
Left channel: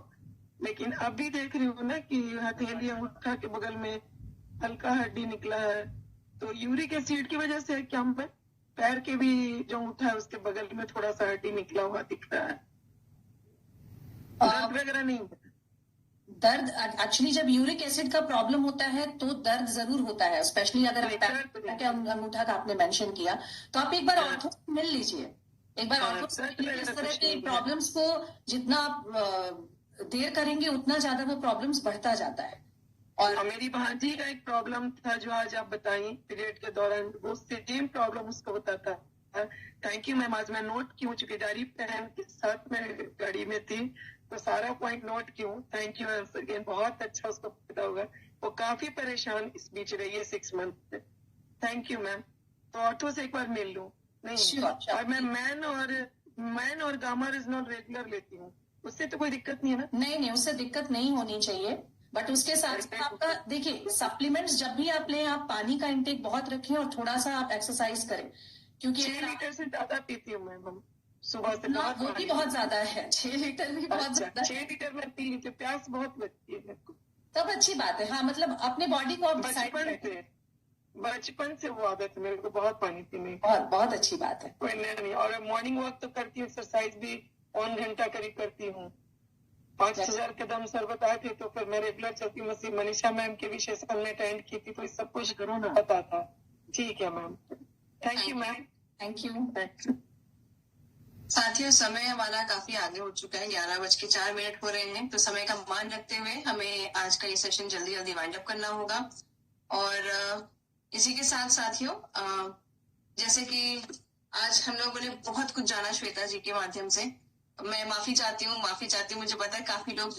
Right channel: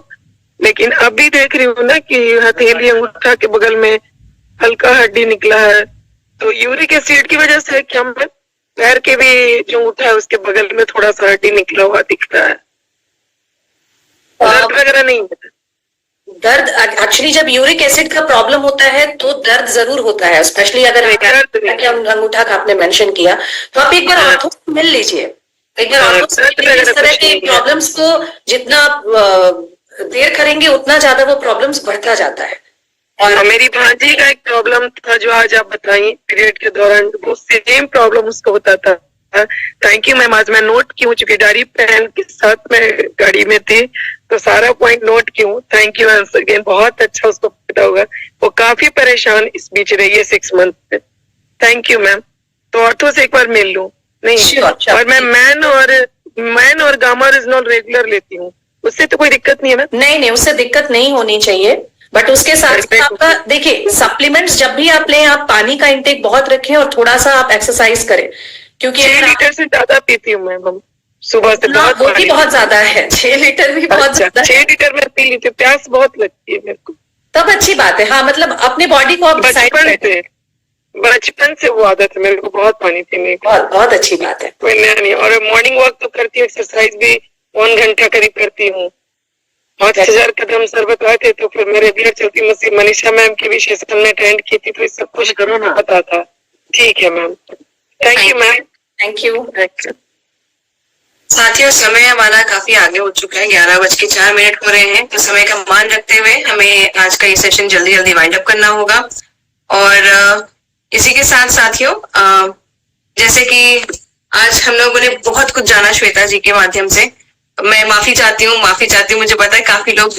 लेकिन अभी देख रही हूँ ना कि हथेली अंगूठा के बगल में हल्का हड्डी निकला है। तो यूरिक एसिड की वजह से क्या मैम? पैर के भी जो अंगूठा है उसके बगल में थोड़ा सा हड्डी निकला हुआ दिख रहा है। दर्द वगैरह नहीं है? दर्द एक्चुअली जब यूरिक एसिड का प्रॉब्लम होता है तो दर्द जरूर होता है, स्पेशली अगर अंगूठा का आपने मेंशन किया, तो आप एक बार ऑर्थो से मिल लीजिए। एक बार ऑर्थो से इस तरह की प्रॉब्लम्स को जितना देर करेंगे उतना ज्यादा वो प्रॉब्लम्स बढ़ता जाता है। और मेरी भांजी का एक प्रॉब्लम था जो आज आप बताई पीरियड के दौरान, वो सेम प्रॉब्लम उसको होता था। थैंक यू मैम, आज मैं नोट की हूँ, चूंकि डायरी पेन के साथ मैं गाड़ी में थी तो सारा पॉइंट नोट की हूँ। थैंक यू अगेन, बहुत अच्छा उसको पता होगा। वो काफी परेशान इस बीच रही है 6 मंथ से। Thank you ma'am. तो ऑर्थो से एक बार मिल लूं? नहीं sure. और मैं मैन और गामा रिजनॉल रेगुलर लेती हूँ, उससे तो कोई दिक्कत नहीं है मैम? नहीं, उससे दिक्कत नहीं होनी चाहिए, बट उसके साथ आपका देखिए सप्लीमेंट्स जब भी आप लें, आप पानी का इंटेक बहुत रखें और थोड़ा सा आप एक्सरसाइज करें, क्योंकि 6 लीटर से ज्यादा पीती हूँ मैम सुबह से। बहुत वो भी बहुत ज्यादा है, 6 लीटर भी बहुत ज्यादा। 6 लीटर में पी लीती हूँ, प्यास बहुत लगती है मेरे को। तब अच्छी बात है। हाँ, मतलब अपने बॉडी को आप बचपन से वो आदत है मेरे को, बहुत पानी पीने की। बहुत अच्छी बात है। कोई नया नहीं। और मॉर्निंग वॉक तो करती हूँ, एक्सरसाइज भी 1 घंटा करीब करती हूँ। 5000 कदम सर बताए थे, तो फिर मैं रेगुलर चलती। मनीषा मैम की भी सेशन में अटेंड की थी, तो सब कुछ पता था। ठीक है ma'am, thank you ma'am. Thank you. साथियों, समय हमारा काफी आगे हो चुका है, 11:04 हो रहे हैं, तो समय का मान रखते हुए हमें आज का ये सेशन जल्दी जल्दी वाइंड अप करना होगा। और इसी के साथ साथियों, जैसे कि आज हम लोगों ने बहुत कुछ जाना श्वेता जी के माध्यम से, मैं माफी चाहती हूँ। मुझे पता है काफी लोग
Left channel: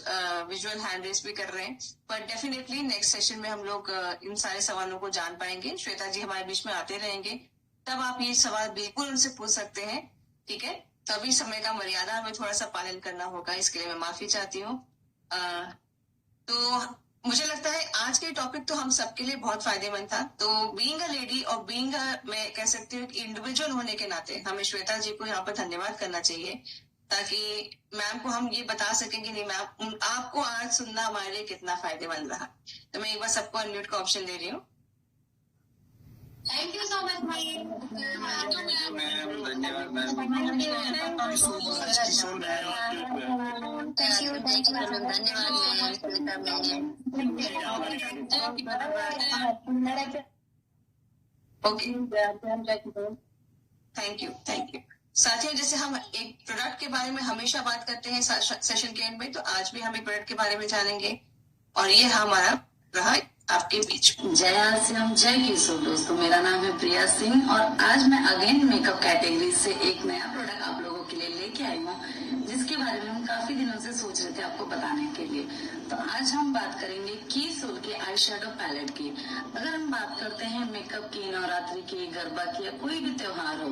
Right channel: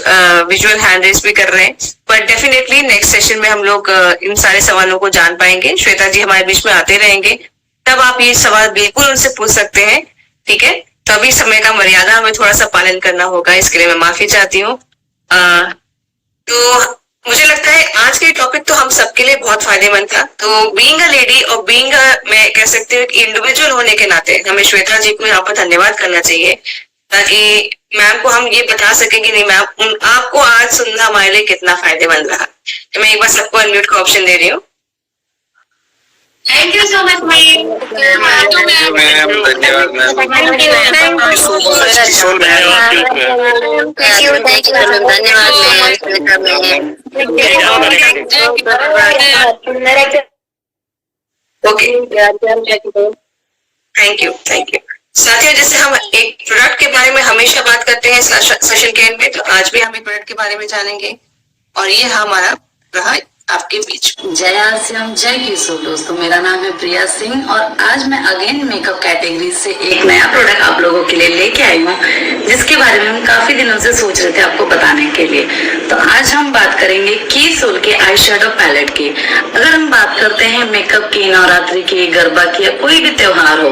विजुअल हैंड रेस भी कर रहे हैं, पर डेफिनेटली नेक्स्ट सेशन में हम लोग इन सारे सवालों को जान पाएंगे। श्वेता जी हमारे बीच में आते रहेंगे, तब आप ये सवाल बिल्कुल उनसे पूछ सकते हैं, ठीक है? तो अभी समय का मर्यादा हमें थोड़ा सा पालन करना होगा, इसके लिए मैं माफी चाहती हूँ। तो मुझे लगता है आज के टॉपिक तो हम सबके लिए बहुत फायदेमंद था। तो बीइंग अ लेडी और बीइंग मैं कह सकती हूँ इंडिविजुअल होने के नाते हमें श्वेता जी को यहाँ पर धन्यवाद करना चाहिए, ताकि मैम को हम ये बता सके कि नहीं मैम, आपको आज सुनना हमारे लिए कितना फायदेमंद रहा। तो मैं एक बार सबको अनम्यूट का ऑप्शन दे रही हूँ। Thank you so much, ma'am. धन्यवाद ओके, थैंक यू। साथियों, जैसे हम एक प्रोडक्ट के बारे में हमेशा बात करते हैं सेशन के एंड में, तो आज भी हम एक प्रोडक्ट के बारे में जानेंगे, और ये हमारा रहा आपके बीच में। जय आसियाम, जय किशोर। दोस्तों, मेरा नाम है प्रिया सिंह और आज मैं अगेन मेकअप कैटेगरी से एक नया प्रोडक्ट आप लोगों के लिए लेके आई हूँ, जिसके बारे में हम काफी दिनों से सोच रहे थे आपको बताने के लिए। तो आज हम बात करेंगे कीसोल के आई शेडो पैलेट की। अगर हम बात करते हैं मेकअप की, नवरात्रि की, गरबा की या कोई भी त्योहार हो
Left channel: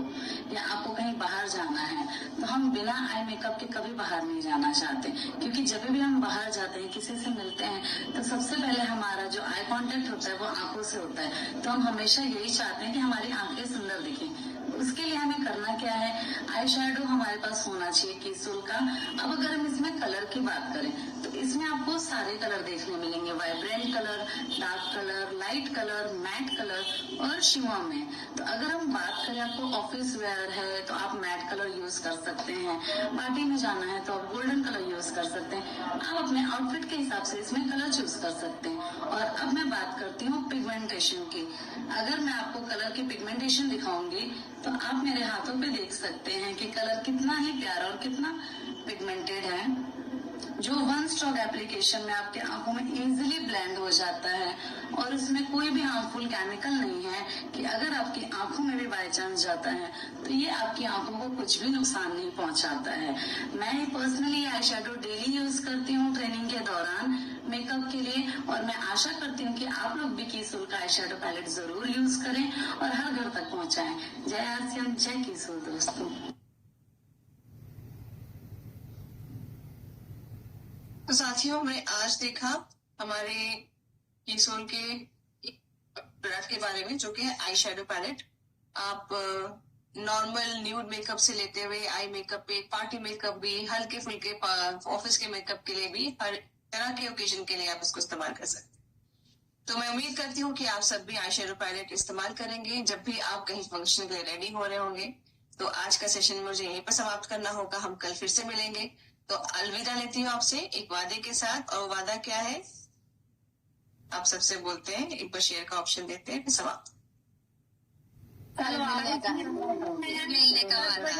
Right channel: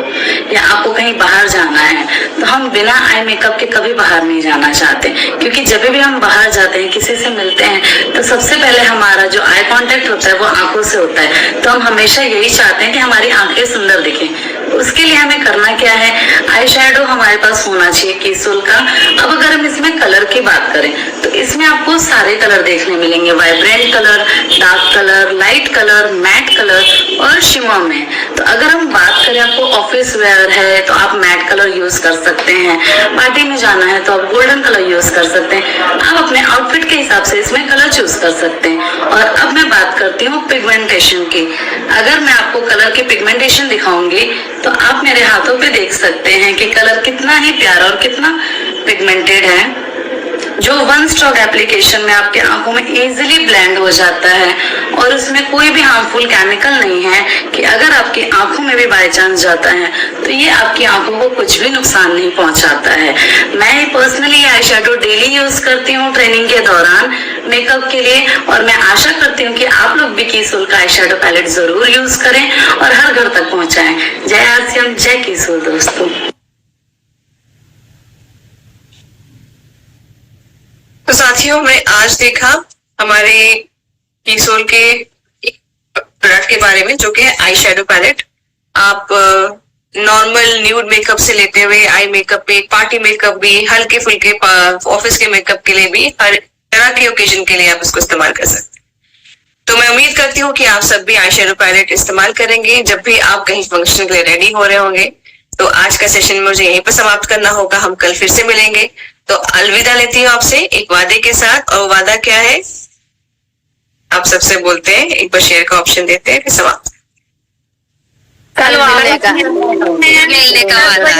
या आपको कहीं बाहर जाना है, तो हम बिना आई मेकअप के कभी बाहर नहीं जाना चाहते, क्योंकि जब भी हम बाहर जाते हैं, किसी से मिलते हैं, तो सबसे पहले हमारा जो आई कांटेक्ट होता है वो आंखों से होता है। तो हम हमेशा यही चाहते हैं कि हमारी आंखें सुंदर दिखें। उसके लिए हमें करना क्या है, आई शेडो हमारे पास होना चाहिए कीसोल का। अब अगर हम इसमें कलर की बात करें तो इसमें आपको सारे कलर देखने मिलेंगे, vibrant colour, dark colour, light colour, matte colour और शिमर में। तो अगर हम बात करें, आपको ऑफिस वेयर है तो आप मैट कलर यूज कर सकते हैं, पार्टी में जाना है तो आप गोल्डन कलर यूज कर सकते हैं। आप अपने आउटफिट के हिसाब से इसमें कलर चूज कर सकते हैं। और अब मैं बात करती हूँ पिगमेंटेशन की। अगर मैं आपको कलर की पिगमेंटेशन दिखाऊंगी तो आप मेरे हाथों पे देख सकते हैं कि कलर कितना ही प्यारा और कितना पिगमेंटेड है, जो वन स्ट्रोक एप्लीकेशन में आपके आंखों में इजीली ब्लेंड हो जाता है। और उसमें कोई भी हार्मफुल केमिकल नहीं है कि अगर आपकी आंखों में भी बाय चांस जाता है तो ये आपकी आंखों को कुछ भी नुकसान नहीं पहुंचाता है। मैं personally eye shadow daily use करती हूँ ट्रेनिंग के दौरान मेकअप के लिए, और मैं आशा करती हूँ कि आप लोग भी कीसोल का आई शेडो पैलेट जरूर यूज करें और हर घर तक पहुंचाएं। जय आसियाम, जय कीसोल। दोस्तों, तो साथियों, हमने आज देखा हमारे कीसोल के प्रोडक्ट के बारे में, जो कि है आई शेडो पैलेट। आप नॉर्मल न्यूड मेकअप से लेते हुए आई मेकअप पे, पार्टी मेकअप भी, हल्के फुल्के ऑफिस के मेकअप के लिए भी, हर तरह के ओकेजन के लिए आप इसको इस्तेमाल कर सकते हैं। तो मैं उम्मीद करती हूँ कि आप सब भी आई शेडो पैलेट इस्तेमाल करेंगे जब भी आप कहीं फंक्शन के लिए रेडी हो रहे होंगे। तो आज का सेशन मुझे यहीं पर समाप्त करना होगा। हम कल फिर से मिलेंगे। तो अलविदा लेती हूँ आपसे एक वादे के साथ। और वादा क्या है, आप सबसे बोलते हैं, एक बार शेयर का ऑप्शन देते हैं, फिर समाप्त। कल मिलने का वादा।